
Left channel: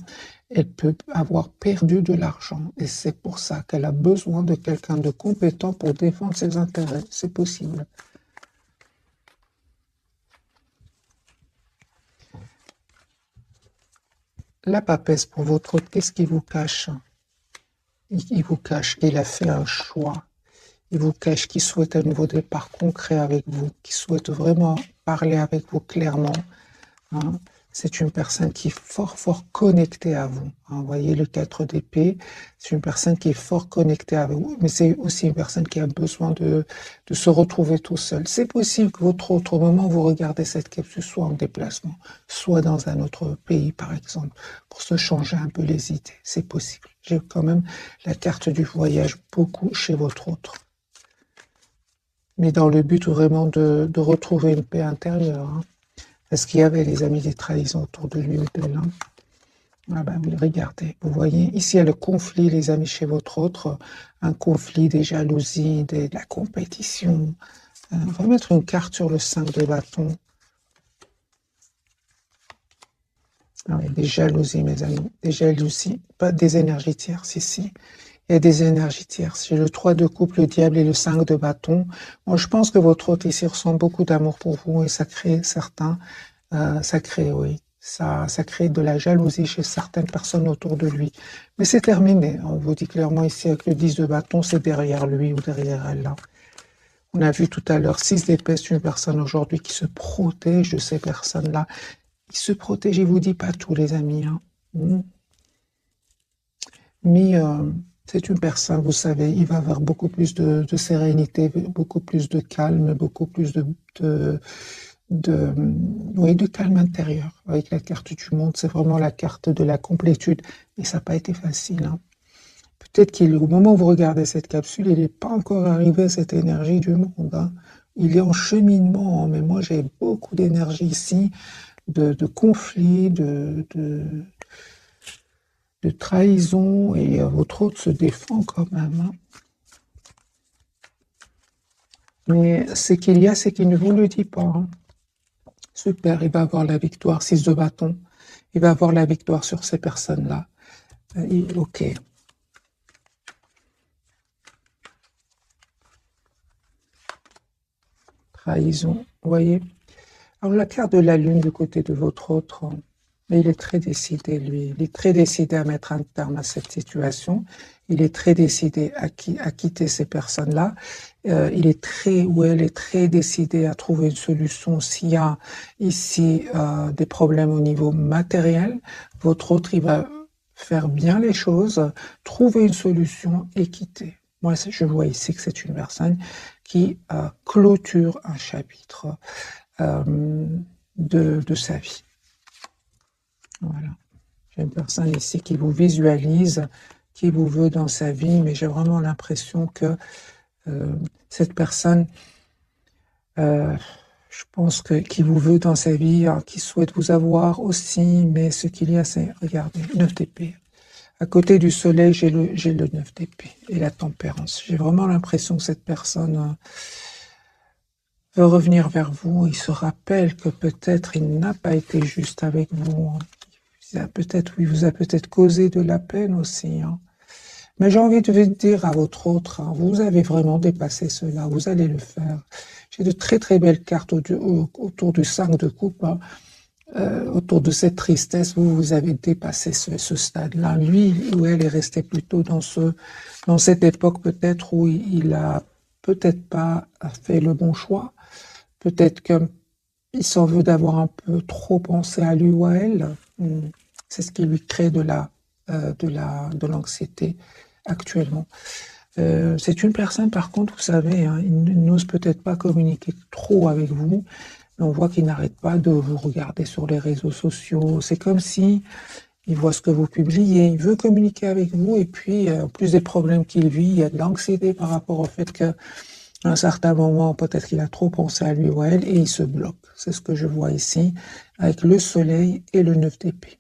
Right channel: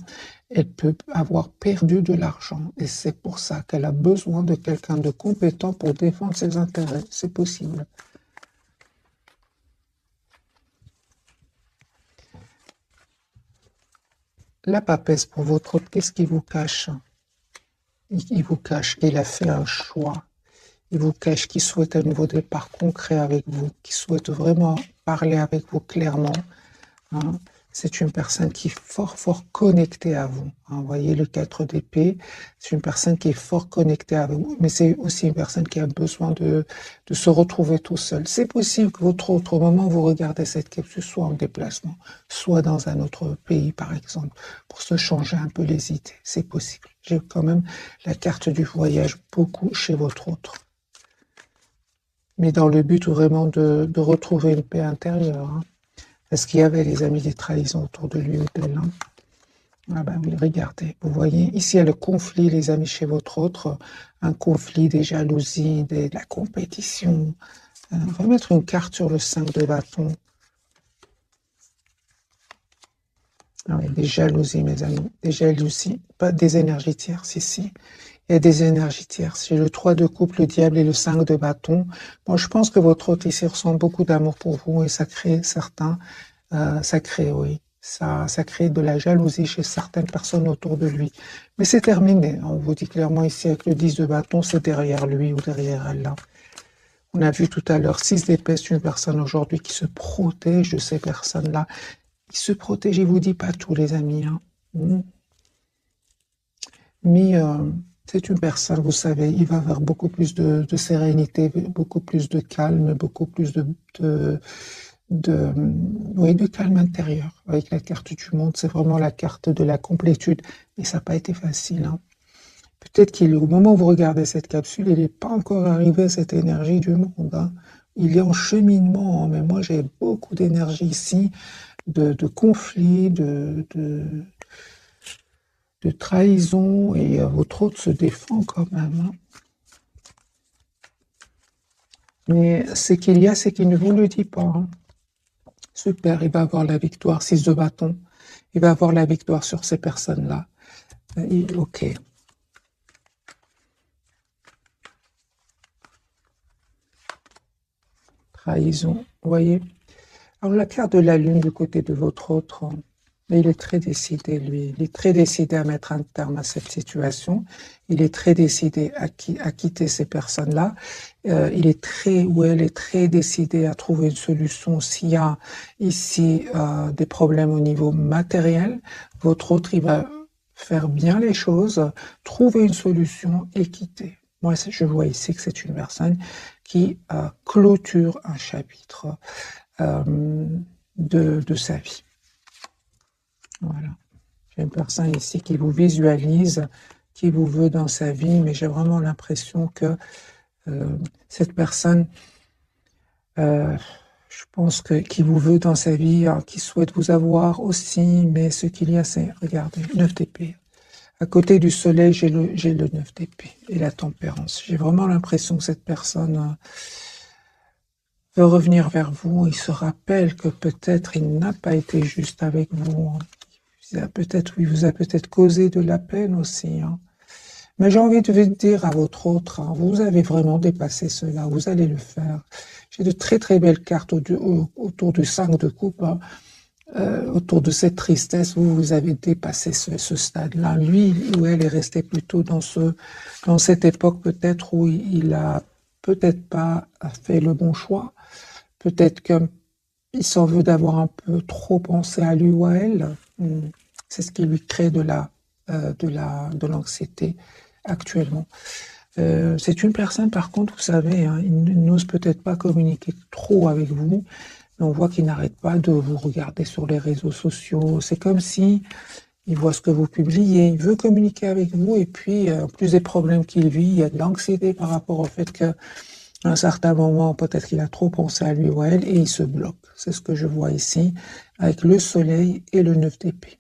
elle peut avoir perdu de l'argent. Et c'est pour ça qu'elle a besoin de quelqu'un de compétent pour défendre ses intérêts. C'est possible. La papesse pour votre autre, qu'est-ce qu'il vous cache? Il vous cache qu'il a fait un choix. Il vous cache qu'il souhaite un nouveau départ concret avec vous, qu'il souhaite vraiment parler avec vous clairement. C'est une personne qui est fort connectée à vous. Vous voyez le 4 d'épée, c'est une personne qui est fort connectée à vous, mais c'est aussi une personne qui a besoin de se retrouver tout seul. C'est possible que votre autre, au moment où vous regardez cette capsule, soit en déplacement, soit dans un autre pays, par exemple, pour se changer un peu les idées. C'est possible. J'ai quand même la carte du voyage beaucoup chez votre autre. Mais dans le but vraiment de retrouver une paix intérieure, hein. Est-ce qu'il y avait, les amis, des trahisons autour de lui ou d'elle, hein? Ah ben oui, regardez, vous voyez, ici il y a le conflit, les amis, chez votre autre, un conflit, des jalousies, de la compétition. On va mettre une carte sur le 5 de bâton. Alors, il y a des jalousies, mes amis, des jalousies, pas des énergies tierces ici. Il y a des énergies tierces. J'ai le 3 de coupe, le diable et le 5 de bâton. Moi, je pense que votre hôte ici ressent beaucoup d'amour pour vous et ça crée ça crée de la jalousie chez certaines personnes autour de lui. Mais c'est terminé. On vous dit clairement ici avec le 10 de bâton, c'est derrière lui ou derrière elle, là. On a vu tout à l'heure 6 d'épée, c'est une personne aujourd'hui qui se protège de ces personnes-là. Qui se protège, je vous dis pas tout, les amis, hein. Mais c'est une personne, vous savez, il va avoir beaucoup plus de sérénité, beaucoup plus de calme, beaucoup plus de calme intérieur. Avec la carte du monde, c'est vraiment la carte de la complétude. Et ça n'a pas été facile, hein. Peut-être qu'au moment où vous regardez cette capsule, il n'est pas encore arrivé à cette énergie du monde, hein. Il est en cheminement, mais moi j'ai beaucoup d'énergie ici, de conflits, de trahison et votre autre se défend quand même. Hein. Mais ce qu'il y a, c'est qu'il ne vous le dit pas. Hein. Super, il va avoir la victoire, 6 de bâton. Il va avoir la victoire sur ces personnes-là. Ok. Trahison, vous voyez. Alors la carte de la lune du côté de votre autre, il est très décidé, lui. Il est très décidé à mettre un terme à cette situation. Il est très décidé à quitter ces personnes-là. Il est très, ou elle est très décidée à trouver une solution s'il y a ici des problèmes au niveau matériel. Votre autre, il va faire bien les choses, trouver une solution et quitter. Moi, je vois ici que c'est une personne qui clôture un chapitre de sa vie. Voilà. J'ai une personne ici qui vous visualise, qui vous veut dans sa vie, mais j'ai vraiment l'impression que cette personne, je pense qui vous veut dans sa vie, qui souhaite vous avoir aussi, mais ce qu'il y a, c'est, regardez, 9 d'épée. À côté du soleil, j'ai le 9 d'épée et la tempérance. J'ai vraiment l'impression que cette personne veut revenir vers vous. Il se rappelle que peut-être il n'a pas été juste avec vous. Il vous a peut-être causé de la peine aussi. Hein. Mais j'ai envie de vous dire à votre autre, hein, vous avez vraiment dépassé cela, vous allez le faire. J'ai de très très belles cartes autour du 5 de coupe, hein, autour de cette tristesse où vous avez dépassé ce stade-là. Lui ou elle est resté plutôt dans cette époque peut-être où il a peut-être pas fait le bon choix. Peut-être qu'il s'en veut d'avoir un peu trop pensé à lui ou à elle. C'est ce qui lui crée de l'anxiété actuellement. C'est une personne, par contre, vous savez, hein, il n'ose peut-être pas communiquer trop avec vous, mais on voit qu'il n'arrête pas de vous regarder sur les réseaux sociaux. C'est comme si il voit ce que vous publiez, il veut communiquer avec vous, et puis, en plus des problèmes qu'il vit, il y a de l'anxiété par rapport au fait qu'à un certain moment, peut-être qu'il a trop pensé à lui ou à elle, et il se bloque. C'est ce que je vois ici, avec le soleil et le 9 d'épée.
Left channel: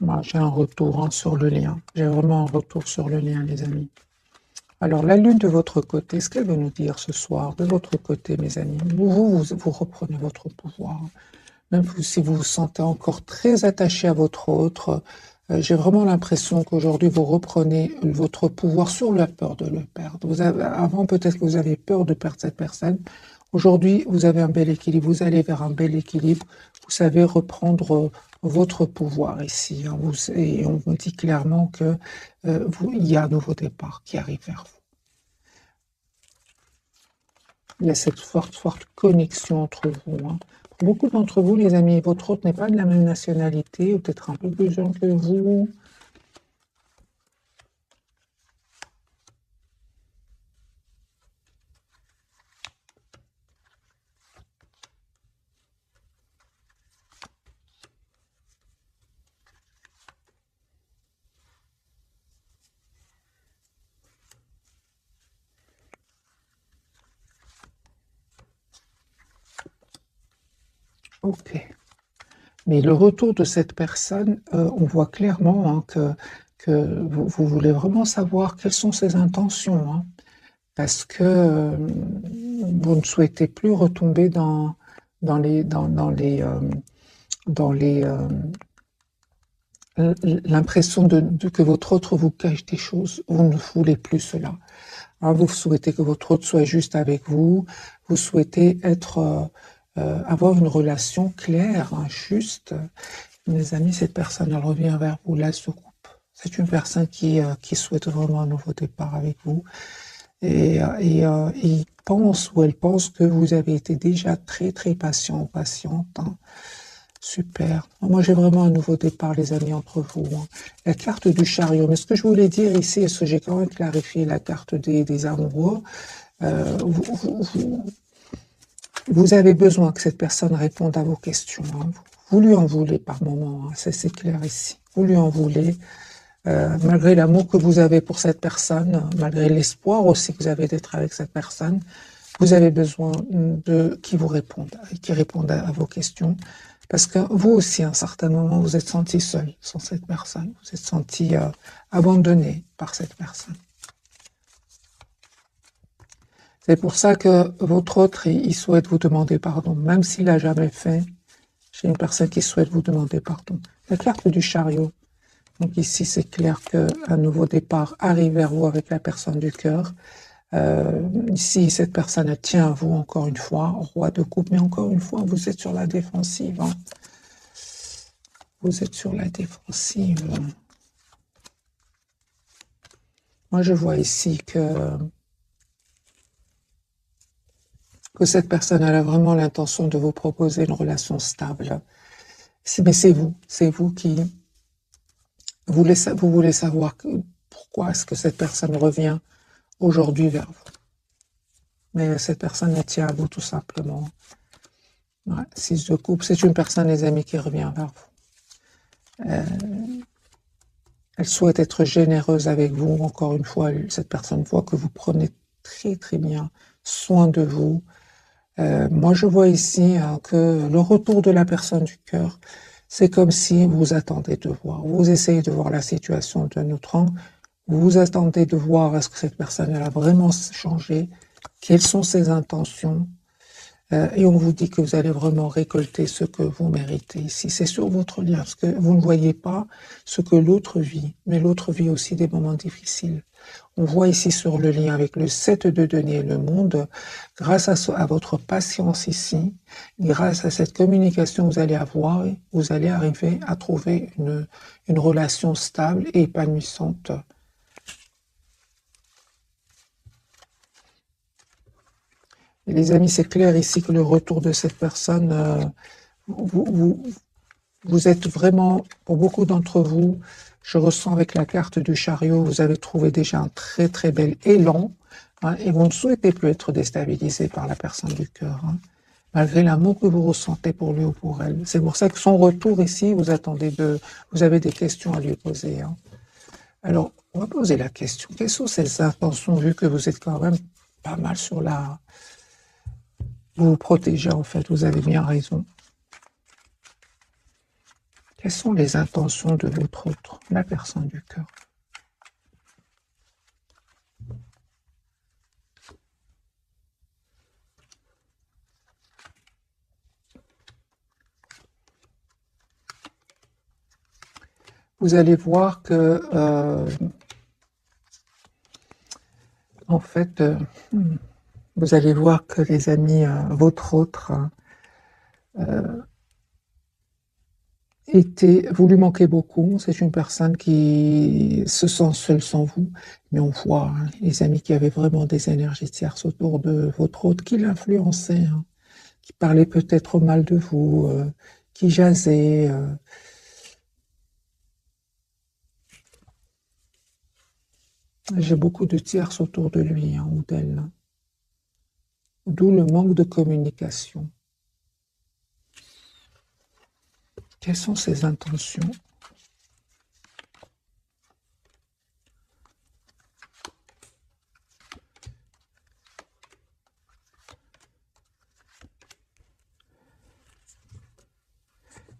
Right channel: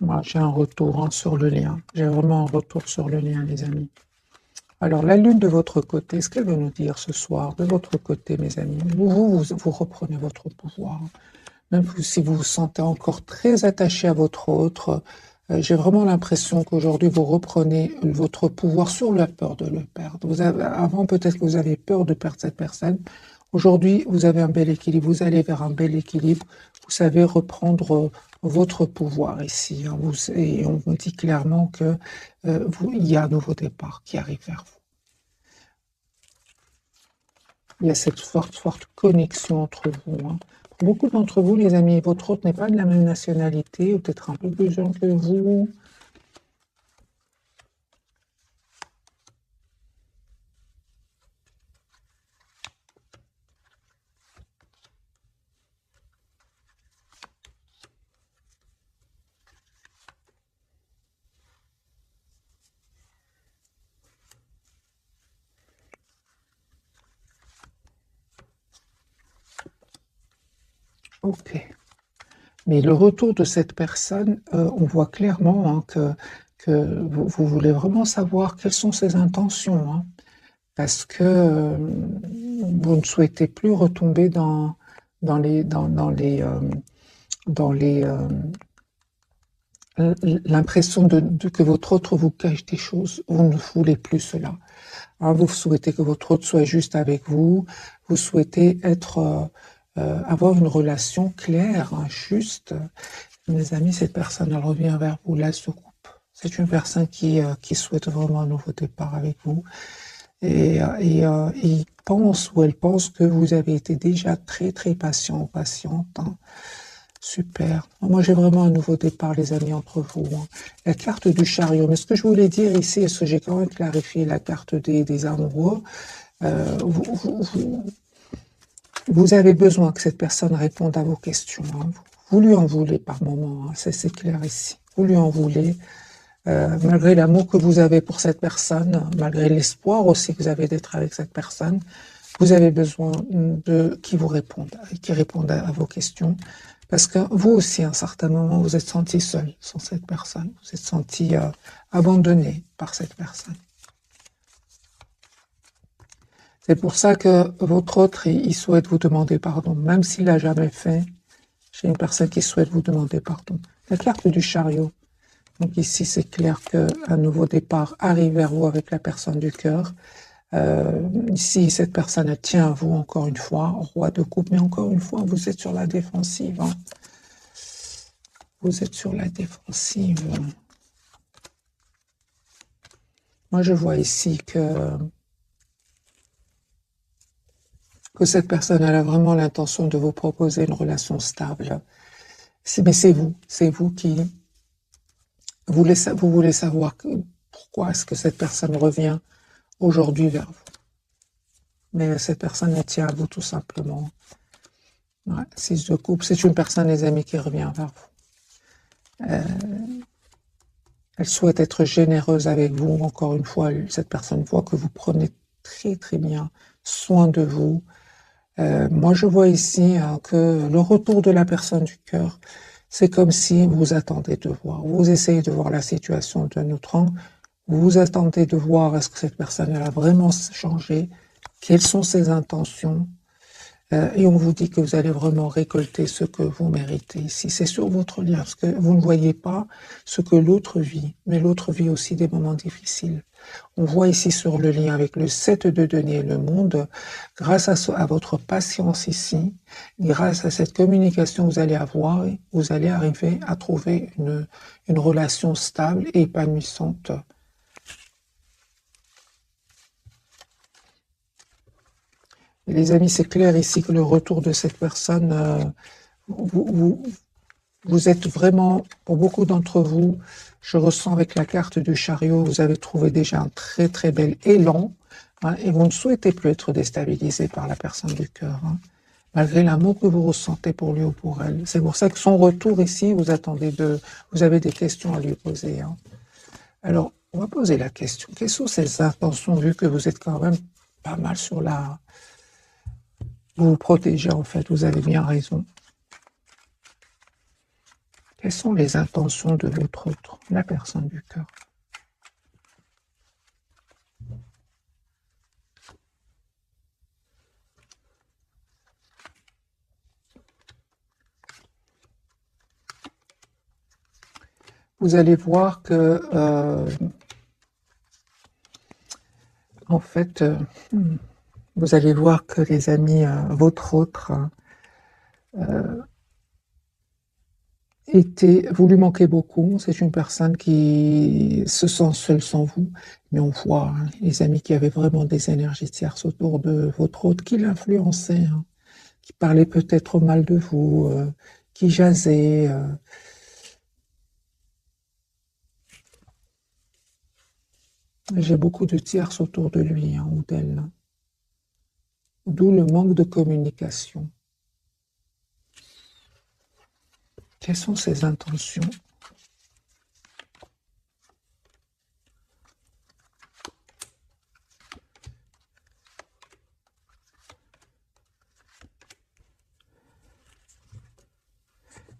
Moi, j'ai un retour sur le lien. J'ai vraiment un retour sur le lien, les amis. Alors, la lune de votre côté, est-ce qu'elle va nous dire ce soir, de votre côté, mes amis, vous reprenez votre pouvoir. Même si vous vous sentez encore très attaché à votre autre, j'ai vraiment l'impression qu'aujourd'hui, vous reprenez votre pouvoir sur la peur de le perdre. Avant, peut-être que vous avez peur de perdre cette personne. Aujourd'hui, vous avez un bel équilibre. Vous allez vers un bel équilibre. Vous savez reprendre votre pouvoir ici. Hein, et on me dit clairement que il y a un nouveau départ qui arrive vers vous. Il y a cette forte connexion entre vous. Hein. Pour beaucoup d'entre vous, les amis, votre autre n'est pas de la même nationalité, ou peut-être un peu plus jeune que vous. Ok. Mais le retour de cette personne, on voit clairement hein, que vous voulez vraiment savoir quelles sont ses intentions. Hein, parce que vous ne souhaitez plus retomber dans l'impression que votre autre vous cache des choses. Vous ne voulez plus cela. Hein, vous souhaitez que votre autre soit juste avec vous. Vous souhaitez avoir une relation claire, hein, juste. Mes amis, cette personne, elle revient vers vous, là, se coupe. C'est une personne qui souhaite vraiment un nouveau départ avec vous. Et il pense ou elle pense que vous avez été déjà très, très patient ou patiente. Hein. Super. Moi, j'ai vraiment un nouveau départ, les amis, entre vous. Hein. La carte du chariot. Mais ce que je voulais dire ici, est-ce que j'ai quand même clarifié la carte des amoureux, vous avez besoin que cette personne réponde à vos questions. Hein. Vous lui en voulez par moment. Hein. C'est clair ici. Vous lui en voulez. Malgré l'amour que vous avez pour cette personne, malgré l'espoir aussi que vous avez d'être avec cette personne, Vous avez besoin de qui vous répondent, qui répondent à vos questions. Parce que vous aussi, à un certain moment, vous êtes senti seul sans cette personne. Vous êtes senti abandonné par cette personne. C'est pour ça que votre autre, il souhaite vous demander pardon, même s'il l'a jamais fait. C'est une personne qui souhaite vous demander pardon. La carte du chariot. Donc ici, c'est clair qu'un nouveau départ arrive vers vous avec la personne du cœur. Ici, cette personne, elle tient à vous encore une fois, roi de coupe, mais encore une fois, vous êtes sur la défensive. Hein. Vous êtes sur la défensive. Moi, je vois ici que cette personne elle a vraiment l'intention de vous proposer une relation stable. Mais c'est vous qui vous voulez savoir pourquoi est-ce que cette personne revient aujourd'hui vers vous. Mais cette personne elle tient à vous tout simplement. Ouais, 6 de coupe, c'est une personne, les amis, qui revient vers vous. Elle souhaite être généreuse avec vous. Encore une fois, cette personne voit que vous prenez très très bien soin de vous. Moi, je vois ici que le retour de la personne du cœur, c'est comme si vous attendez de voir. Vous essayez de voir la situation d'un autre angle. Vous attendez de voir est-ce que cette personne elle a vraiment changé, quelles sont ses intentions. Et on vous dit que vous allez vraiment récolter ce que vous méritez ici. C'est sur votre lien, parce que vous ne voyez pas ce que l'autre vit, mais l'autre vit aussi des moments difficiles. On voit ici sur le lien avec le 7 de denier et le monde, grâce à votre patience ici, grâce à cette communication que vous allez avoir, vous allez arriver à trouver une relation stable et épanouissante. Et les amis, c'est clair ici que le retour de cette personne, vous êtes vraiment, pour beaucoup d'entre vous, je ressens avec la carte du chariot, vous avez trouvé déjà un très très bel élan, hein, et vous ne souhaitez plus être déstabilisé par la personne du cœur, hein, malgré l'amour que vous ressentez pour lui ou pour elle. C'est pour ça que son retour ici, vous avez des questions à lui poser. Hein. Alors, on va poser la question, quelles sont ses intentions, vu que vous êtes quand même pas mal sur la... Vous vous protégez en fait, vous avez bien raison. Quelles sont les intentions de l'autre, la personne du cœur? Vous allez voir que, en fait, vous allez voir que les amis, votre autre, vous lui manquez beaucoup. C'est une personne qui se sent seule sans vous. Mais on voit, hein, les amis, qu'il y avait vraiment des énergies tierces autour de votre autre qui l'influençaient, hein, qui parlaient peut-être mal de vous, qui jasaient. J'ai beaucoup de tierces autour de lui, hein, ou d'elle. Hein. D'où le manque de communication. Quelles sont ses intentions?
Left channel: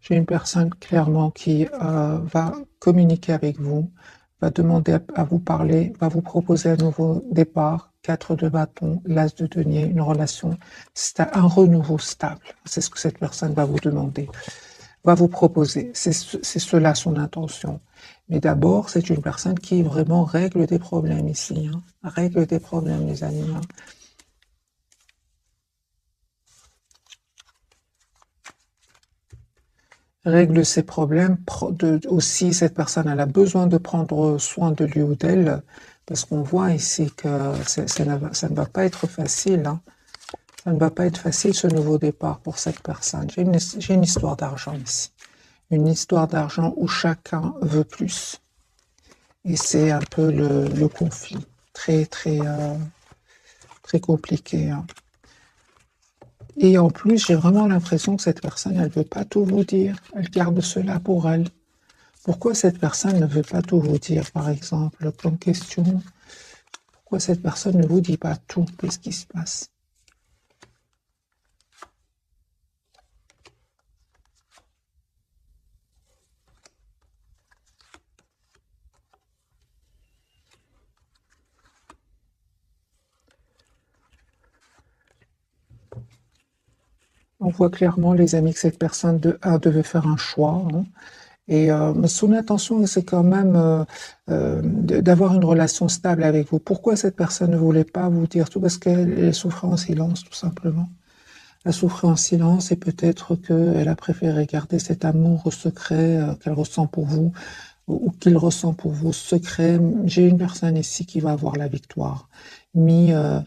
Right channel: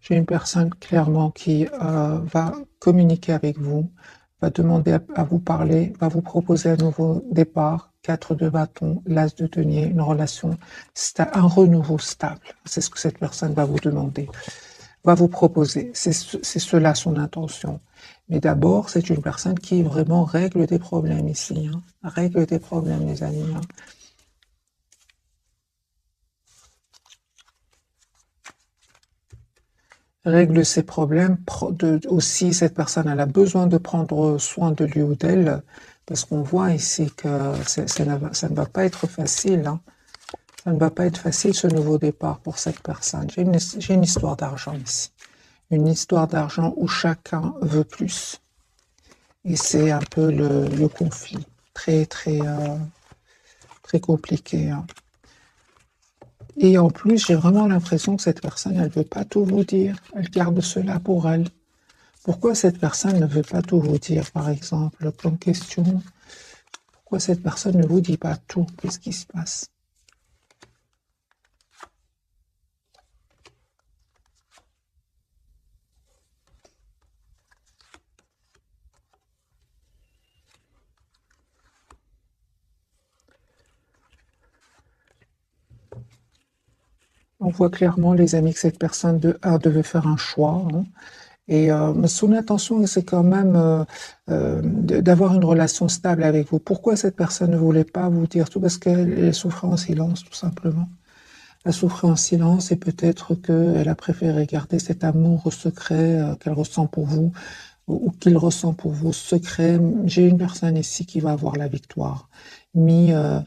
J'ai une personne clairement qui va communiquer avec vous, va demander à vous parler, va vous proposer un nouveau départ, 4 de bâton, l'as de denier, une relation, un renouveau stable. C'est ce que cette personne va vous demander, va vous proposer. C'est cela son intention. Mais d'abord, c'est une personne qui vraiment règle des problèmes ici. Hein. Règle des problèmes, les amis. Hein. Règle ses problèmes. Aussi, cette personne elle a besoin de prendre soin de lui ou d'elle, parce qu'on voit ici que ça ne va pas être facile. Hein. Ça ne va pas être facile ce nouveau départ pour cette personne. J'ai une histoire d'argent ici. Une histoire d'argent où chacun veut plus. Et c'est un peu le conflit. Très, très, très compliqué. Hein. Et en plus, j'ai vraiment l'impression que cette personne, elle ne veut pas tout vous dire. Elle garde cela pour elle. Pourquoi cette personne ne veut pas tout vous dire, par exemple, comme question? Pourquoi cette personne ne vous dit pas tout? Qu'est-ce qui se passe? On voit clairement, les amis, que cette personne devait faire un choix, hein. Et mais son intention, c'est quand même d'avoir une relation stable avec vous. Pourquoi cette personne ne voulait pas vous dire tout? Parce qu'elle souffrait en silence, tout simplement. Elle souffrait en silence et peut-être qu'elle a préféré garder cet amour secret qu'elle ressent pour vous ou qu'il ressent pour vous secret. J'ai une personne ici qui va avoir la victoire, mis euh,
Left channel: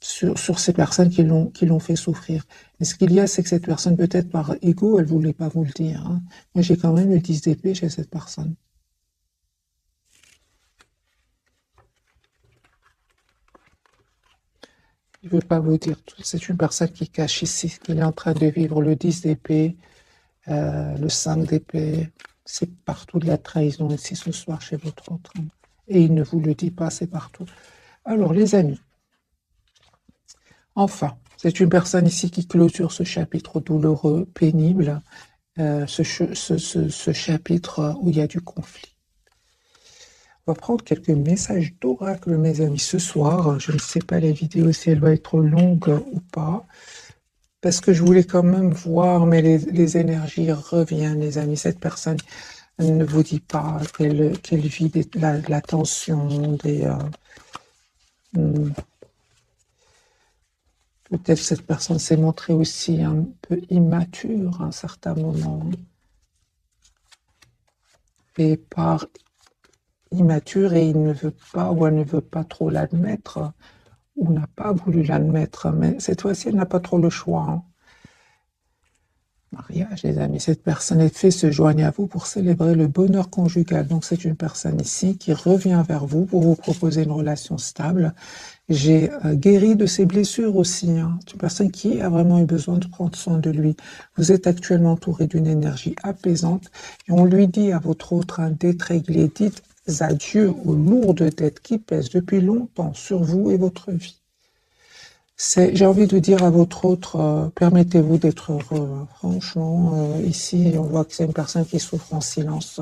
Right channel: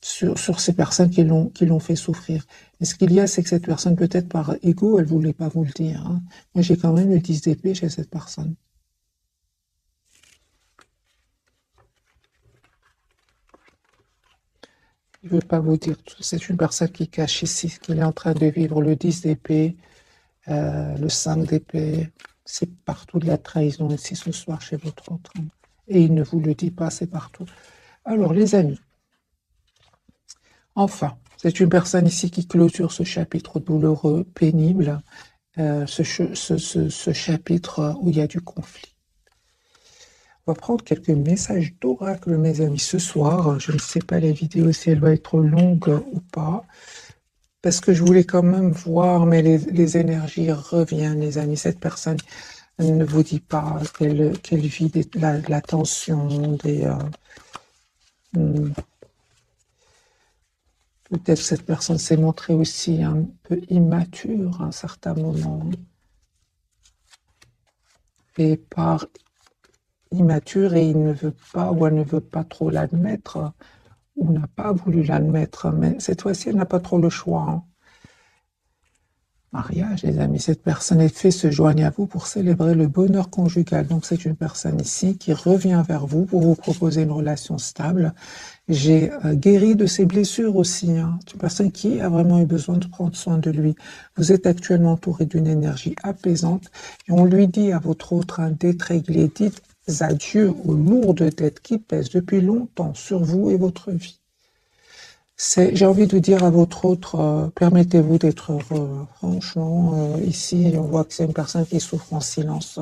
sur ces personnes qui l'ont fait souffrir. Et ce qu'il y a, c'est que cette personne, peut-être par ego, elle voulait pas vous le dire, hein. Moi, j'ai quand même le 10 d'épée chez cette personne. Il veut pas vous dire tout. C'est une personne qui cache ici ce qu'il est en train de vivre. Le 10 d'épée, le 5 d'épée, c'est partout de la trahison ici ce soir chez votre autre, hein. Et il ne vous le dit pas, c'est partout. Alors, les amis, enfin, c'est une personne ici qui clôture ce chapitre douloureux, pénible, ce chapitre où il y a du conflit. On va prendre quelques messages d'oracle, mes amis, ce soir. Je ne sais pas la vidéo si elle va être longue ou pas, parce que je voulais quand même voir, mais les énergies reviennent, les amis. Cette personne, elle ne vous dit pas qu'elle vit la tension, peut-être cette personne s'est montrée aussi un peu immature à un certain moment. Et par immature, et il ne veut pas ou elle ne veut pas trop l'admettre, ou n'a pas voulu l'admettre, mais cette fois-ci, elle n'a pas trop le choix, hein. Mariage, les amis, cette personne est fait se joigne à vous pour célébrer le bonheur conjugal. Donc c'est une personne ici qui revient vers vous pour vous proposer une relation stable. J'ai guéri de ses blessures aussi, hein. C'est une personne qui a vraiment eu besoin de prendre soin de lui. Vous êtes actuellement entouré d'une énergie apaisante et on lui dit à votre autre d'être réglé. Dites adieu aux lourdes dettes qui pèsent depuis longtemps sur vous et votre vie. J'ai envie de dire à votre autre, permettez-vous d'être heureux. Franchement, ici, on voit que c'est une personne qui souffre en silence.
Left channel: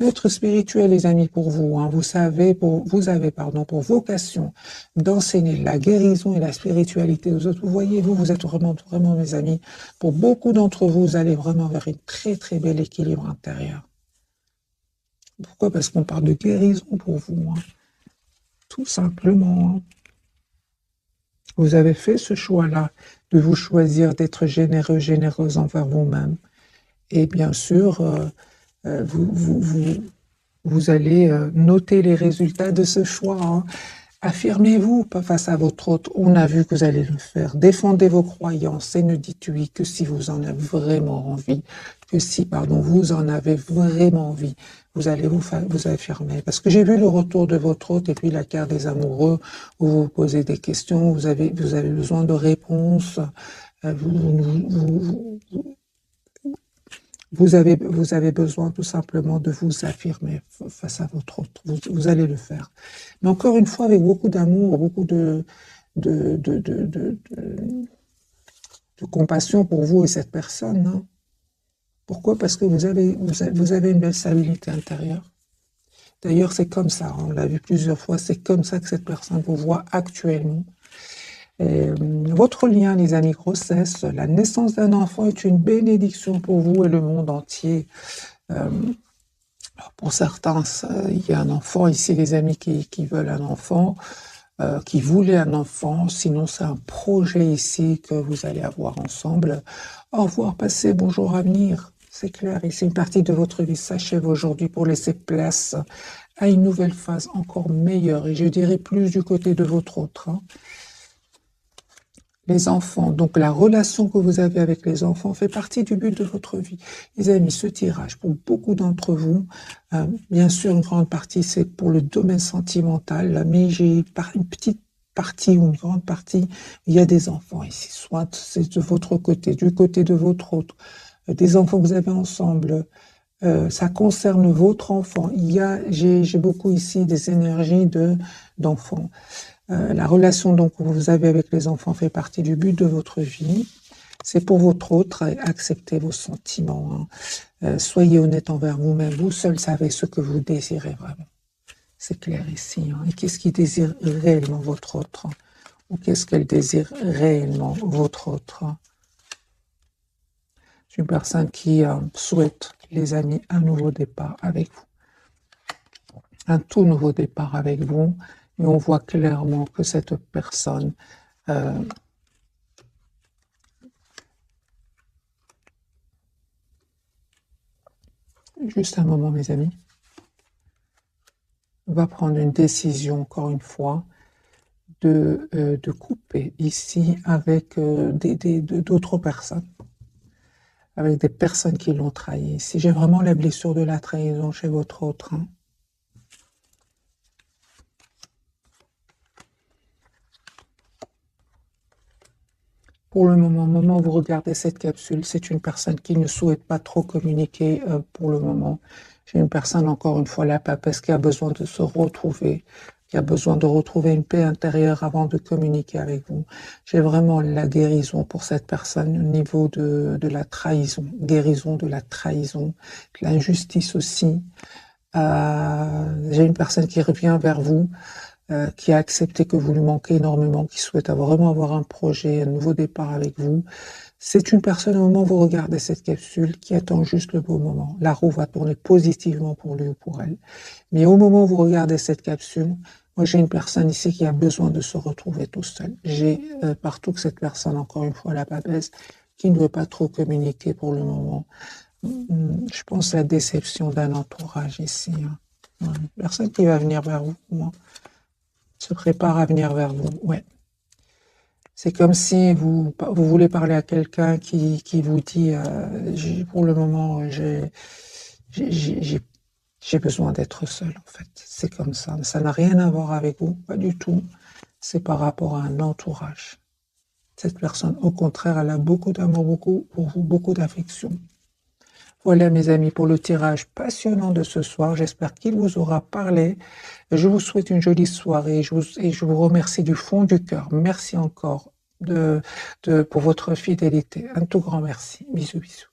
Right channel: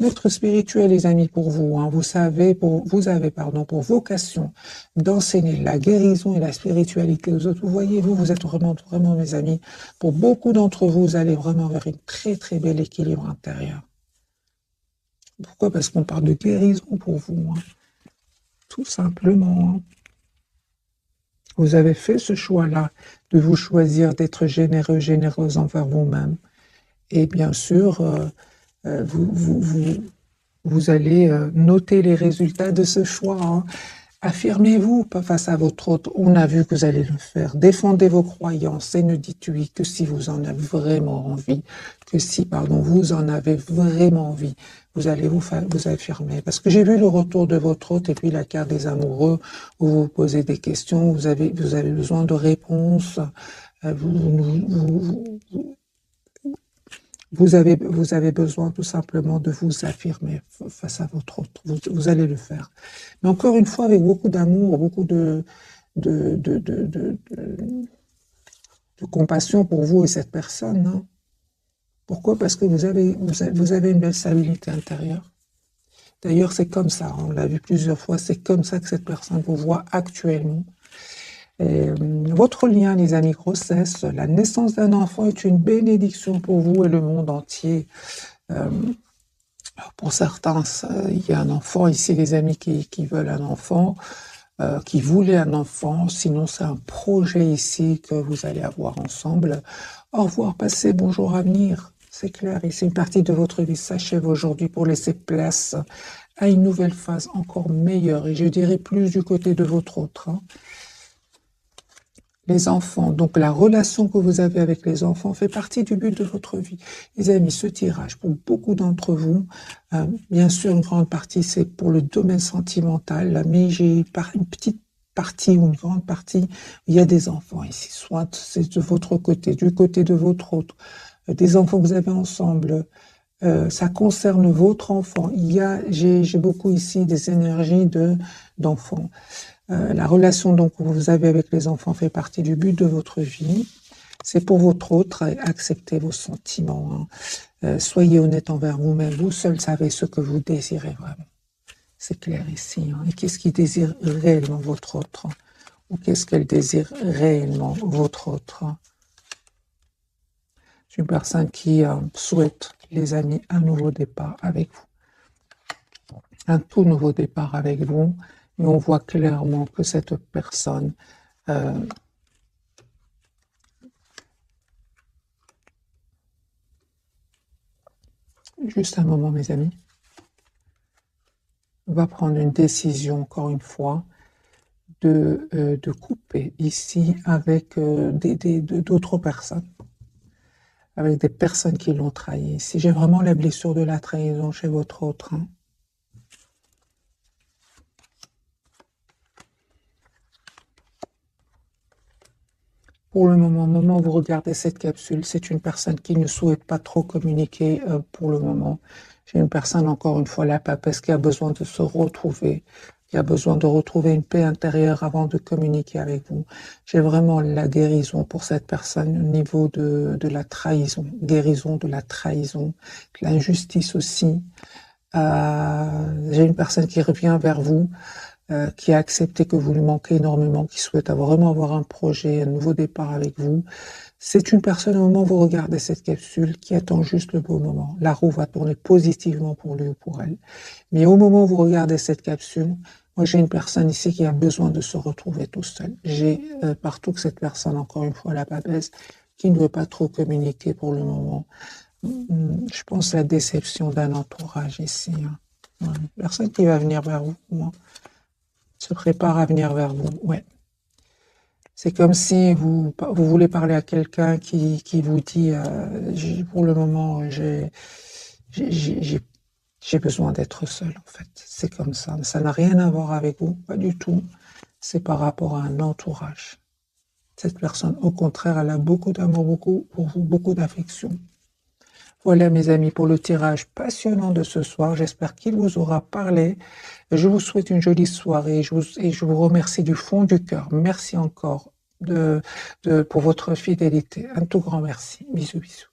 Être spirituel, les amis, pour vous, hein, vous avez, pour vocation d'enseigner la guérison et la spiritualité aux autres. Vous voyez, vous êtes vraiment, vraiment, mes amis. Pour beaucoup d'entre vous, vous allez vraiment vers une très, très bel équilibre intérieur. Pourquoi? Parce qu'on parle de guérison pour vous, hein. Tout simplement, hein. Vous avez fait ce choix-là de vous choisir d'être généreux, généreuse envers vous-même. Et bien sûr, vous allez noter les résultats de ce choix, hein. Affirmez-vous pas face à votre autre. On a vu que vous allez le faire. Défendez vos croyances et ne dites oui que si vous en avez vraiment envie. Que si, vous en avez vraiment envie. Vous allez vous affirmer. Parce que j'ai vu le retour de votre hôte et puis la carte des amoureux où vous posez des questions, vous avez besoin de réponses. Vous avez besoin tout simplement de vous affirmer face à votre autre. Vous allez le faire. Mais encore une fois, avec beaucoup d'amour, beaucoup de compassion pour vous et cette personne, hein. Pourquoi? Parce que vous avez une belle stabilité intérieure. D'ailleurs, c'est comme ça, on l'a vu plusieurs fois, c'est comme ça que cette personne vous voit actuellement. Votre lien, les amis, grossesse, la naissance d'un enfant est une bénédiction pour vous et le monde entier. Pour certains, il y a un enfant ici, les amis, qui veulent un enfant, qui voulaient un enfant. Sinon, c'est un projet ici que vous allez avoir ensemble. Au revoir, passez, bonjour à venir. C'est clair, ici, une partie de votre vie s'achève aujourd'hui pour laisser place à une nouvelle phase encore meilleure. Et je dirais plus du côté de votre autre, hein. Les enfants, donc la relation que vous avez avec les enfants fait partie du but de votre vie. Les amis, ce tirage, pour beaucoup d'entre vous, bien sûr, une grande partie, c'est pour le domaine sentimental, mais j'ai une petite partie ou une grande partie, il y a des enfants ici, soit c'est de votre côté, du côté de votre autre, des enfants que vous avez ensemble, ça concerne votre enfant. J'ai beaucoup ici des énergies d'enfants. La relation donc que vous avez avec les enfants fait partie du but de votre vie. C'est pour votre autre, acceptez vos sentiments, hein. Soyez honnête envers vous-même. Vous seul savez ce que vous désirez vraiment. C'est clair ici, hein. Et qu'est-ce qui désire réellement votre autre? ou qu'est-ce qu'elle désire réellement, votre autre. C'est une personne qui souhaite, les amis, un nouveau départ avec vous. Un tout nouveau départ avec vous. Mais on voit clairement que cette personne juste un moment, mes amis, va prendre une décision, encore une fois, de couper ici avec d'autres personnes, avec des personnes qui l'ont trahi. Si j'ai vraiment la blessure de la trahison chez votre autre, hein. Pour le moment où vous regardez cette capsule, c'est une personne qui ne souhaite pas trop communiquer pour le moment. C'est une personne, encore une fois, la papesse qui a besoin de se retrouver, qui a besoin de retrouver une paix intérieure avant de communiquer avec vous. J'ai vraiment la guérison pour cette personne au niveau de la trahison, guérison de la trahison, de l'injustice aussi. J'ai une personne qui revient vers vous, qui a accepté que vous lui manquez énormément, qui souhaite vraiment avoir un projet, un nouveau départ avec vous. C'est une personne, au moment où vous regardez cette capsule, qui attend juste le bon moment. La roue va tourner positivement pour lui ou pour elle. Mais au moment où vous regardez cette capsule, moi j'ai une personne ici qui a besoin de se retrouver tout seul. J'ai partout que cette personne, encore une fois, la papesse, qui ne veut pas trop communiquer pour le moment. Je pense à la déception d'un entourage ici. Hein. Personne qui va venir vers vous, moi, se prépare à venir vers vous. Ouais. C'est comme si vous voulez parler à quelqu'un qui vous dit pour le moment, j'ai besoin d'être seul, en fait. C'est comme ça. Ça n'a rien à voir avec vous, pas du tout. C'est par rapport à un entourage. Cette personne, au contraire, elle a beaucoup d'amour, beaucoup d'affection. Voilà, mes amis, pour le tirage passionnant de ce soir. J'espère qu'il vous aura parlé. Je vous souhaite une jolie soirée et je vous remercie du fond du cœur. Merci encore pour votre fidélité. Un tout grand merci. Bisous, bisous.